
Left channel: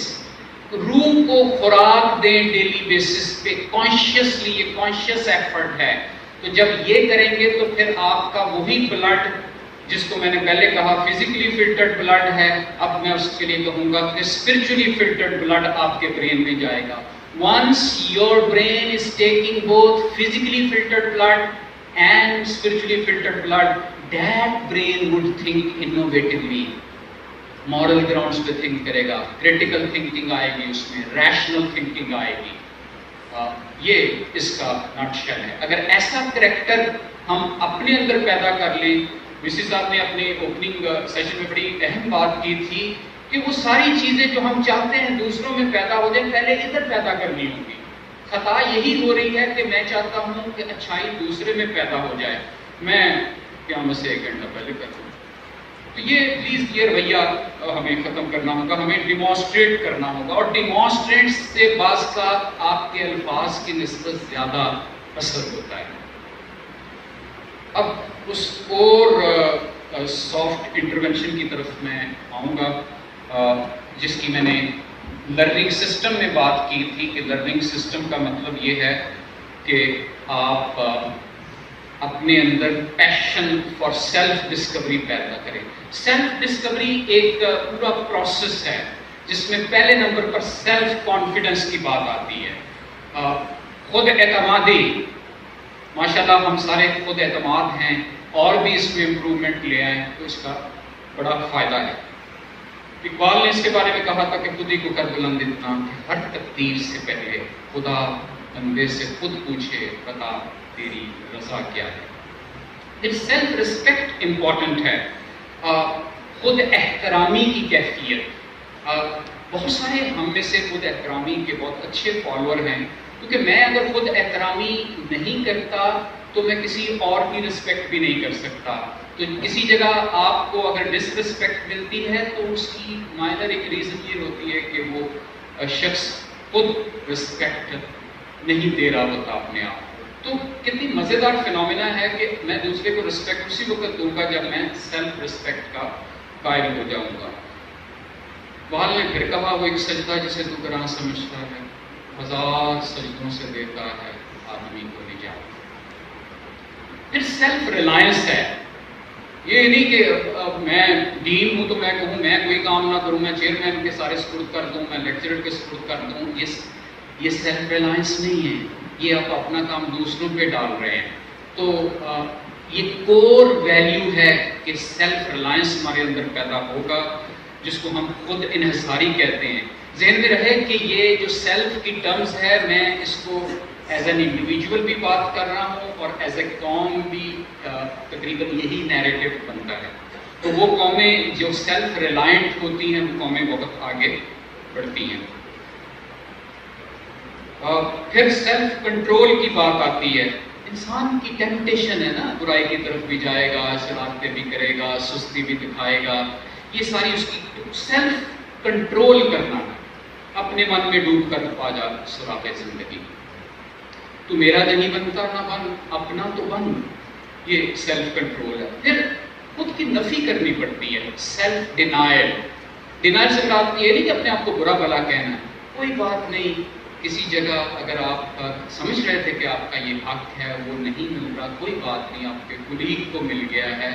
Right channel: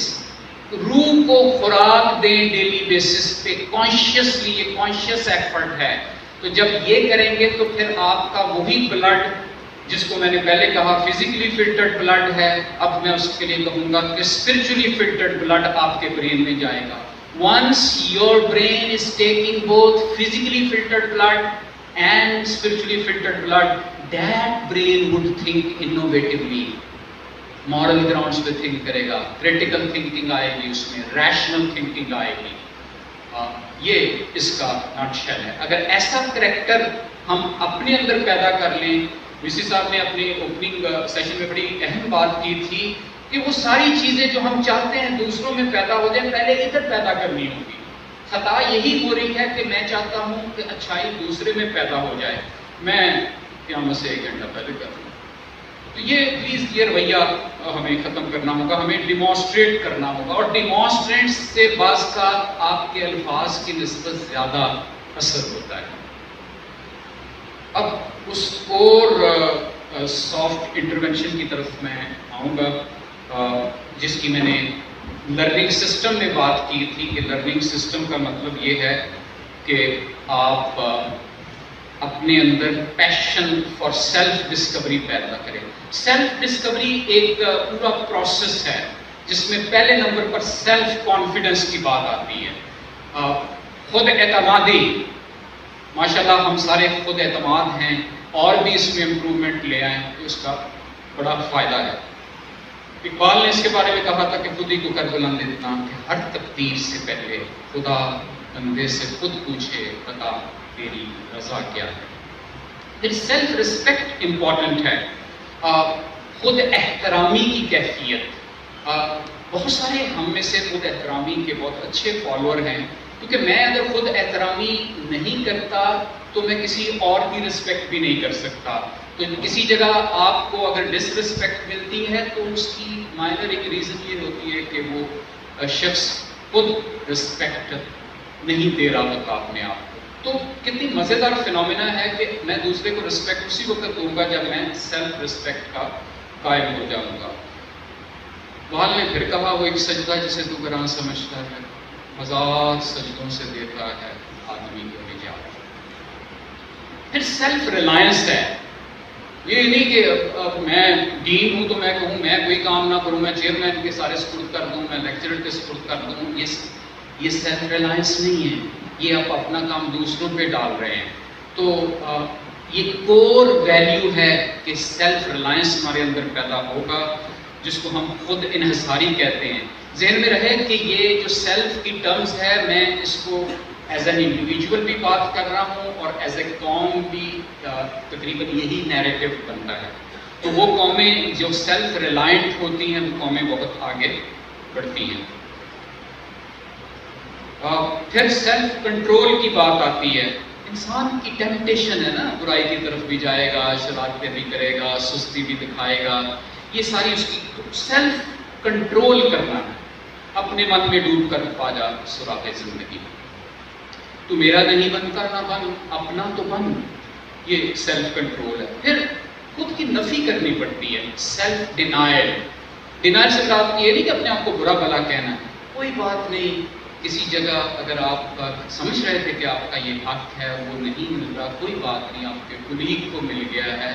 روح کو خوراک دیں ڈیلی بیسس پہ کانشیسلی. یہ کانشیس ایفرٹ ہے. تو جب یہ کریں گے تو پھر آپ کا وہی بلڈ جس کو میں نے پہلے کہا فزیکلی فلٹرڈ بلڈ ہے، اب میں اس کے لیے کہوں گا کہ اسپرچولی فلٹرڈ بلڈ آپ کے برین میں جائے گا. Once your brain is taking both physically filtered blood and spiritually filtered blood, that brain would think innovatively. Moral grounds پہ think کرے گا، critical thinking آئے گی اس میں، rational thinking آئے گی. یہ اس کا نٹ شیل ہے. اگر ایسا کریکٹر ہم اپنے اندر پیدا کر لیں، ویسی صاحب نے اپنی اوپننگ سیشن میں بڑی اہم بات کی تھی کہ وہ ساری چیزیں جو ہم چاہتے ہیں دوسروں میں پیدا ہو جائیں، پہلے ادھر پیدا کرنی ہوگی. خطا یہی ہو رہی ہے کہ میں چاہتا ہوں کہ اچھائی دوسرے میں پیدا ہو جائے، میں قیامت سے 1 گھنٹہ پہلے کروں. تو یہ پلیز یہ رویہ ہمیں ختم کرنا ہوگا، ہمیں ڈیمانسٹریٹ کرنا ہوگا. اور ڈیمانسٹریٹ سے بعض کا آپ کے الفاظ کی نسبت زیادہ اثر ہوتا ہے. اب اس اور سافٹ انٹرونشن کی طرف میں آؤں گا جس کی میں نے لرننگ سسٹم میں بات کی تھی کہ لرننگ سسٹم کا مطلب یہ ہے کہ آپ اپنے اندر پیشن فار سیلف ڈسکوری پیدا کریں. سیلف ڈسکوری ایک پورا پروسیس ہے جس میں پہلے نمبر پر سیلف کانفیڈنس کی بات آتی ہے. خود اعتمادی، ماشاءاللہ ہم سارے خود اعتماد ہیں، اور بھی اس میں امپروومنٹ لے آئیں تو اس کا بڑا فائدہ ہے. اقبال نے اس کے بارے میں کہا تھا کہ خود ہی کو کر بلند اتنا کہ ہر تقدیر سے پہلے خدا بندے سے خود پوچھے بتا تیری رضا کیا ہے. پھر سیلف ریسپیکٹ امپورٹنٹ ہے. خود احترامی کی کیفیت. بہت سارے ہم میں سے خود احترامی کے بہت اچھے فالوور ہیں، کیونکہ میں اگر خود احترامی نہیں کرتا تو میں کسی اور کی رسپیکٹ بھی نہیں کر سکتا. تو کسی جگہ آپ کو اگر ڈس رسپیکٹ ملتی ہے تو اس کی مائنر ایک ریزن یہ ہوتی ہے کہ وہ شخص خود رسپیکٹ نہیں دے رہا ہوتا اپنے آپ کو. تو کتنی مزیدار فینومینا ہے کہ میں دوسرے کو رسپیکٹ اسی وقت دوں گا جب میں سیلف رسپیکٹ کا قائل ہو جاؤں گا. وہاں نے پھر کہا وہ ایک سجدہ جسے تو گراں سمجھتا ہے ہزار سجدوں سے دیتا ہے آدمی کو نجات. پھر سیلف ریلائنس ہے. یہ نہیں کہ اب میں ڈین ہوں تو میں کہوں میں کوئی کام نہ کروں, میں چیئرمین کے سارے سپرد کر دوں, میں لیکچرر کے سپرد کر دوں. یہ سیلف ریلائنس نہیں ہے, یہ آپ اپنا کام دوسروں پہ ڈال رہے ہیں. تو یہ کور ویلیو ہے کہ سیلف ریلائنس ہمارے اندر پیدا ہوگا, جس کو ہم خود انحصاری کہتے ہیں. ذہن میں رہے کہ یہ جو سیلف کی ٹرمز ہے میں اس کو ایز این انڈیویجول بھی بات کر رہا ہوں اور ایز اے قوم بھی تقریباً یہی نیریٹو بنتا ہے. تو وہ قومیں جو سیلف ریلائنٹ ہوتی ہیں وہ قومیں بہت آگے بڑھتی ہیں. پھر سیلف کنٹرول کی بات آتی ہے. انسان کی ٹیمپٹیشن ہے نا, برائی کی طرف بھی جائے گا, شرارتیں بھی کرے گا, سستی بھی دکھائے گا, یہ ساری اس کی سیلف کنٹرول کرنا ہے. اپنے من میں ڈوب کر پا جا سراغ زندگی. تو میرا نہیں بنتا نہ بن, اپنا تو بن, یہ سیلف کنٹرول ہے. پھر خود کی نفی کرنی پڑتی ہے, سیلف ڈینائل. ڈینائل سے مراد یہ نہیں کہ اپنے آپ کو برا بھلا کہنا ہے, کوئی بات نہیں. کسی جگہ اگر آپ سمجھ رہے تھے کہ آپ کا یہ حق ہے وہ نہیں مل رہا, کوئی بات نہیں, آپ کے کلیگ کو مل گیا ہے.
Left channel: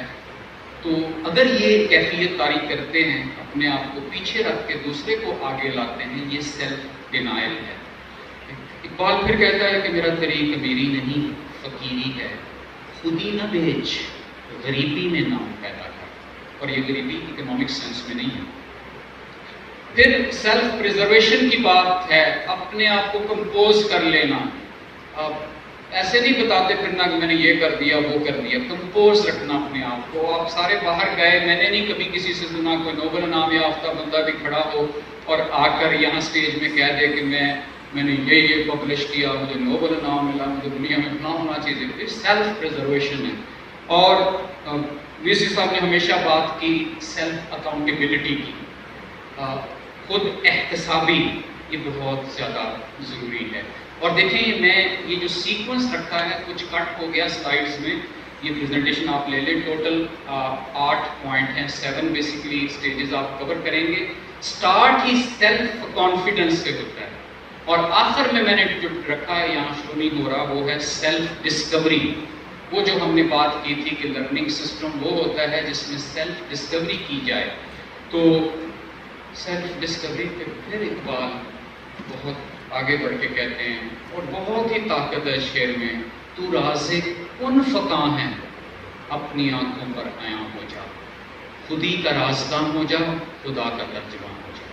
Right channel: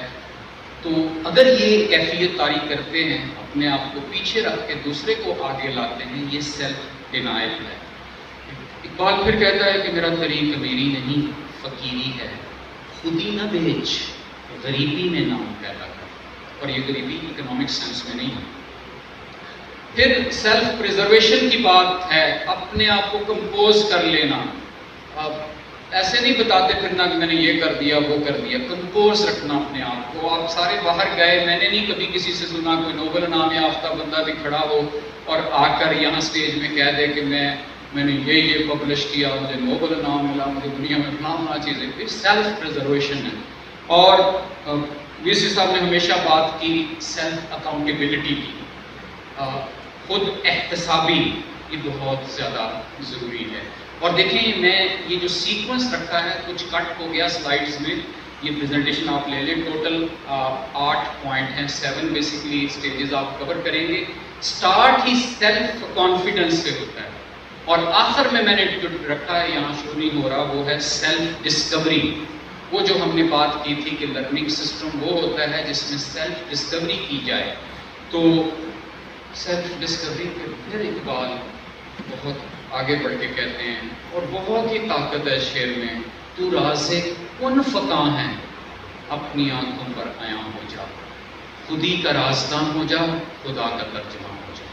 تو اگر یہ کیفیت طاری کرتے ہیں, اپنے آپ کو پیچھے رکھ کے دوسرے کو آگے لاتے ہیں, یہ سیلف ڈینائل ہے. اقبال پھر کہتا ہے کہ میرا طریق امیری نہیں فقیری ہے, خودی نہ بیچ غریبی میں نام پیدا کر. اور یہ غریبی اکنامک سینس میں نہیں ہے. پھر سیلف پریزرویشن کی بات ہے, اپنے آپ کو کمپوز کر لینا. اب ایسے نہیں بتاتے پھرنا کہ میں نے یہ کر دیا وہ کر دیا, کمپوز رکھنا اپنے آپ کو. آپ سارے باہر گئے, میں نے نہیں کبھی کسی سے سنا کوئی نوبل انعام یافتہ بندہ بھی کھڑا ہو اور آ کر یہاں اسٹیج میں کہہ دے کہ میں نے یہ پبلش کیا, مجھے نوبل انعام ملا, مجھے دنیا میں فلاں چیزیں. یہ سیلف پریزرویشن ہے. اور ویسی صاحب نے ہمیشہ بات کی سیلف اکاؤنٹیبلٹی کی, خود احتسابی, یہ بہت زیادہ ضروری ہے. اور دیکھیں میں یہ جو سیکوینس رکھا ہے کچھ کٹ ہو گیا سلائیڈز میں, یہ پریزنٹیشن آپ لے لیں, ٹوٹل 8 پوائنٹ ہیں, 7 بیسیکلی اسٹیجز آپ کور کریں گے. سٹارٹ ہی سیلف کانفیڈنس سے ہوتا ہے اور آخر میں نے جو رکھا ہے یہاں شروع نہیں ہو رہا وہ ہے سیلف ڈسکوری. وہ جو ہم نے بات کی تھی کہ لرننگ سسٹم وہ ہوتا ہے جس میں سیلف ڈسکوری کی جائے. تو سیلف ڈسکوری پھر اقبال بہت آگے بڑھ کے کہتے ہیں اور بہت ہی طاقت ہے شعر میں, تو راز کن فقاں ہے اپنی آنکھوں پر عیاں ہو جا, خودی کا رازدان ہو جا, خدا کا ترجمان ہو جا.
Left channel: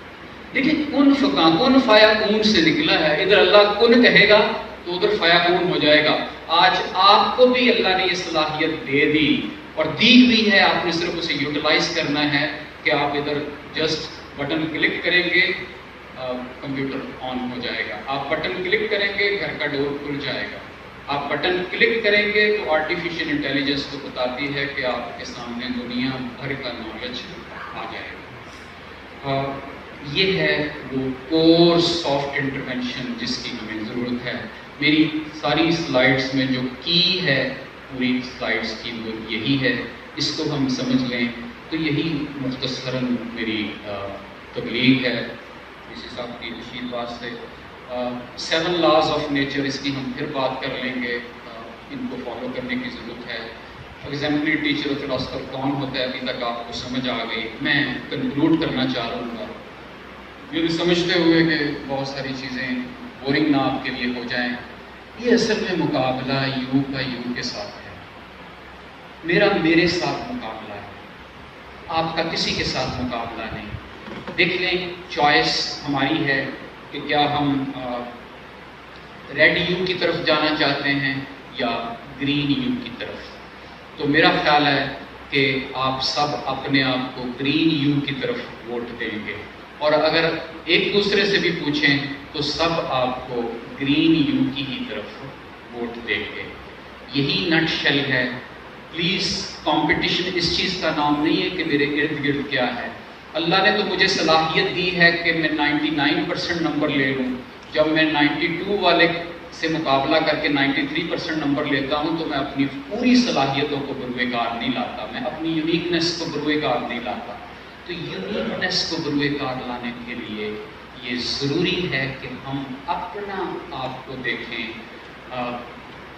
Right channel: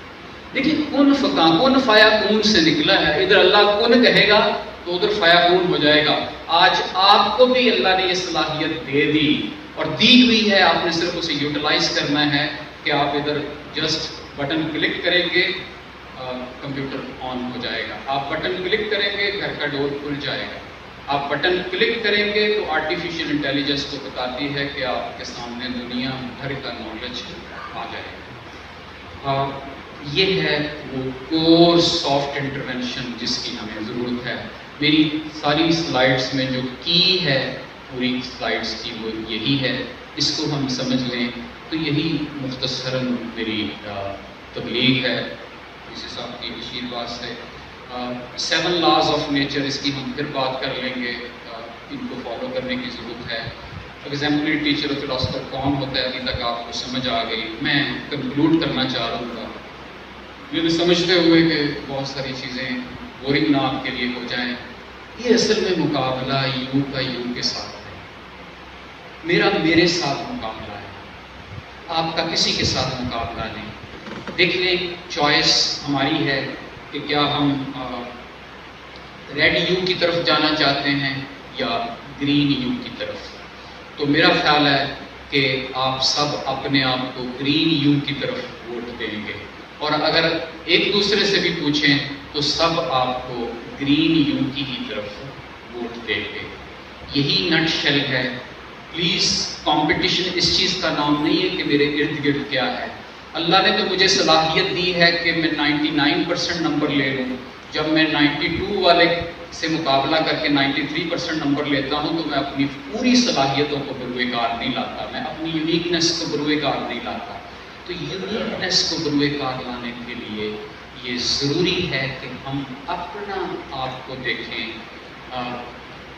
دیکھیں کن فقاں, کن فایا کون سے نکلا ہے. ادھر اللہ کن کہے گا تو ادھر فایا کون ہو جائے گا. آج آپ کو بھی اللہ نے یہ صلاحیت دے دی اور دی ہوئی ہے, آپ نے صرف اسے یوٹیلائز کرنا ہے کہ آپ ادھر جسٹ بٹن کلک کریں گے, کمپیوٹر آن ہو جائے گا. آپ بٹن کلک کریں گے گھر کا ڈور کھل جائے گا. آپ بٹن کلک کریں گے تو آرٹیفیشیل انٹیلیجنس کو بتاتی ہے کہ آپ کے سامنے دنیا بھر کا نالج آ جائے گا. یہ ہے وہ کور سافٹ انٹرونشن جس کی ہمیں ضرورت ہے. میری ساری سلائڈس میں جو کی ہے پوری سلائڈس کی وہ یہی ہے, اس کو ہم سمجھ لیں تو یہی مختصراً میری تبلیغ ہے اسی صاحب کی آشیرواد سے. 7 لاز آف نیچر, اس کی ہم پھر بات کر لیں گے, ان کو فالو کرنے کی ضرورت ہے. ایگزامپلری ٹیچر اور فلاسفر کون ہوتا ہے ابھی تک آپ کو سمجھ آ گئی. میں کنکلوڈ کرنا چاہ رہا ہوں گا یہ بھی سمجھتے ہوئے کہ بہت ساری چیزیں بورنگ نہ آپ کے لیے ہو جائیں. یہ اصل میں مقابلہ یو کا یو کے ساتھ ہے, میرا میرے ساتھ مقابلہ ہے, آپ کا کسی کے ساتھ مقابلہ نہیں. دیکھ لیں چوائس ہماری ہے کہ کیا ہم ریڈ یو کی طرف جانا چاہتے ہیں یا گرین یو کی طرف. تو میرا خیال ہے کہ آپ سب اپنے آپ کو گرین یو کی طرف ووٹ دیں گے. اور اگر ایک دوسرے سے بھی پوچھیں تو سب آپ کو گرین یو کی ہی طرف ووٹ دیں گے. یہی نٹ شیل ہے. پلیز کمپٹیشن اس چیز کا نام نہیں ہے کہ میرے ارد گرد کیا ہے. اللہ نے تو مجھے صلاحیت دی ہے کہ میں 99% نمبر لے لوں. جب میں 92 والے سے مقابلہ کر کے 93% نمبر لیتا ہوں تو میں اپنی پوری صلاحیتوں کو بروئے کار نہیں لاتا, میں اپنی یونیکنیس کو بروئے کار نہیں لاتا. تو یونیکنیس کو بروئے کار لانے کے لیے یہ ضروری ہے کہ ہم اپنا آپ کو دیکھیں.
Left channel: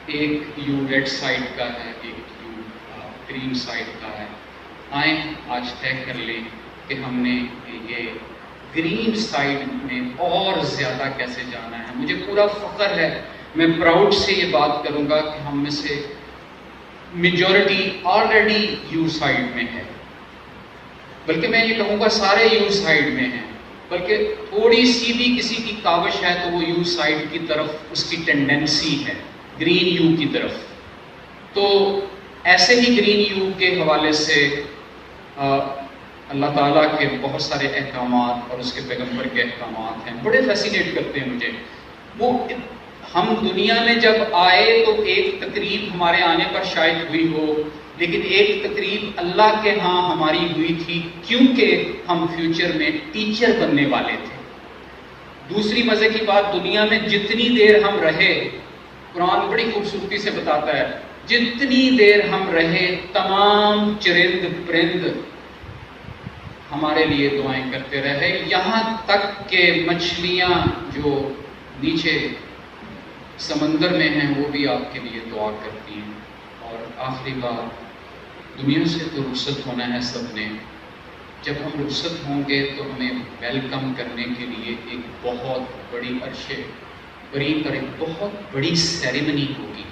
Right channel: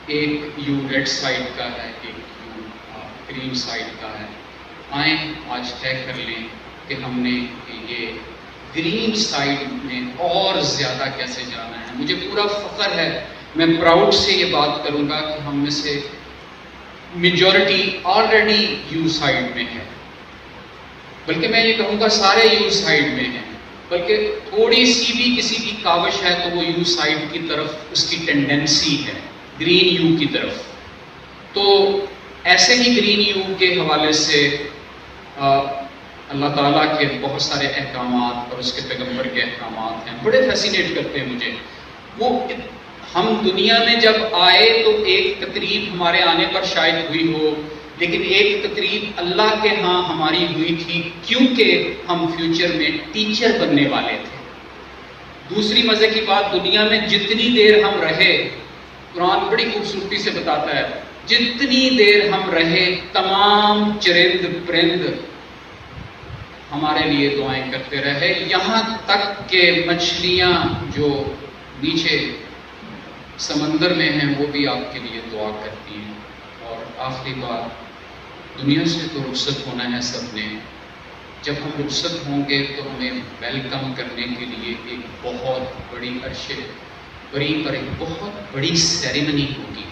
ایک یو ریڈ سائڈ کا ہے, ایک یو گرین سائڈ کا ہے. آئیں آج طے کر لیں کہ ہم نے یہ گرین سائڈ میں اور زیادہ کیسے جانا ہے. مجھے پورا فخر ہے, میں پراؤڈ سے یہ بات کروں گا کہ ہم میں سے میجورٹی آلریڈی یو سائڈ میں ہے, بلکہ میں یہ کہوں گا سارے یو سائڈ میں ہیں, بلکہ تھوڑی سی بھی کسی کی کاوش ہے تو وہ یو سائڈ کی طرف اس کی ٹینڈنسی ہے, گرین یو کی طرف. تو ایسے ہی گرین یو کے حوالے سے اللہ تعالیٰ کے بہت سارے احکامات اور اس کے پیغمبر کے احکامات ہیں, بڑے فیسینیٹ کرتے ہیں مجھے. وہ ہم دنیا میں جب آئے تو ایک تقریب ہمارے آنے پر شاید ہوئی ہو, لیکن ایک تقریب اللہ کے ہاں ہماری ہوئی تھی کیونکہ ہم فیوچر میں ٹیچر بننے والے تھے. دوسری مزے کی بات, دنیا میں جتنی دیر ہم رہے, قرآن بڑی خوبصورتی سے بتاتا ہے, جتنی دیر ہم رہے تمام چرند پرند ہمارے لیے دعائیں کرتے رہے, یہاں تک کہ مچھلیاں جو نیچے سمندر میں ہیں وہ بھی آپ کے لیے دعا کرتی ہیں. اور آخری بار, دنیا سے تو رخصت ہونا ہے سب نے. جب ہم رخصت ہوں گے تو ہمیں ویلکم کرنے کے لیے ایک بہت بڑی عرشے بری پر ایک بہت بڑی سیریمنی ہوگی.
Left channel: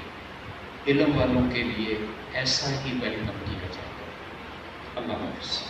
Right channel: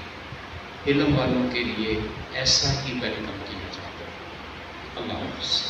علم والوں کے لیے ایسا ہی ویلکم کیا جائے گا. اللہ حافظ.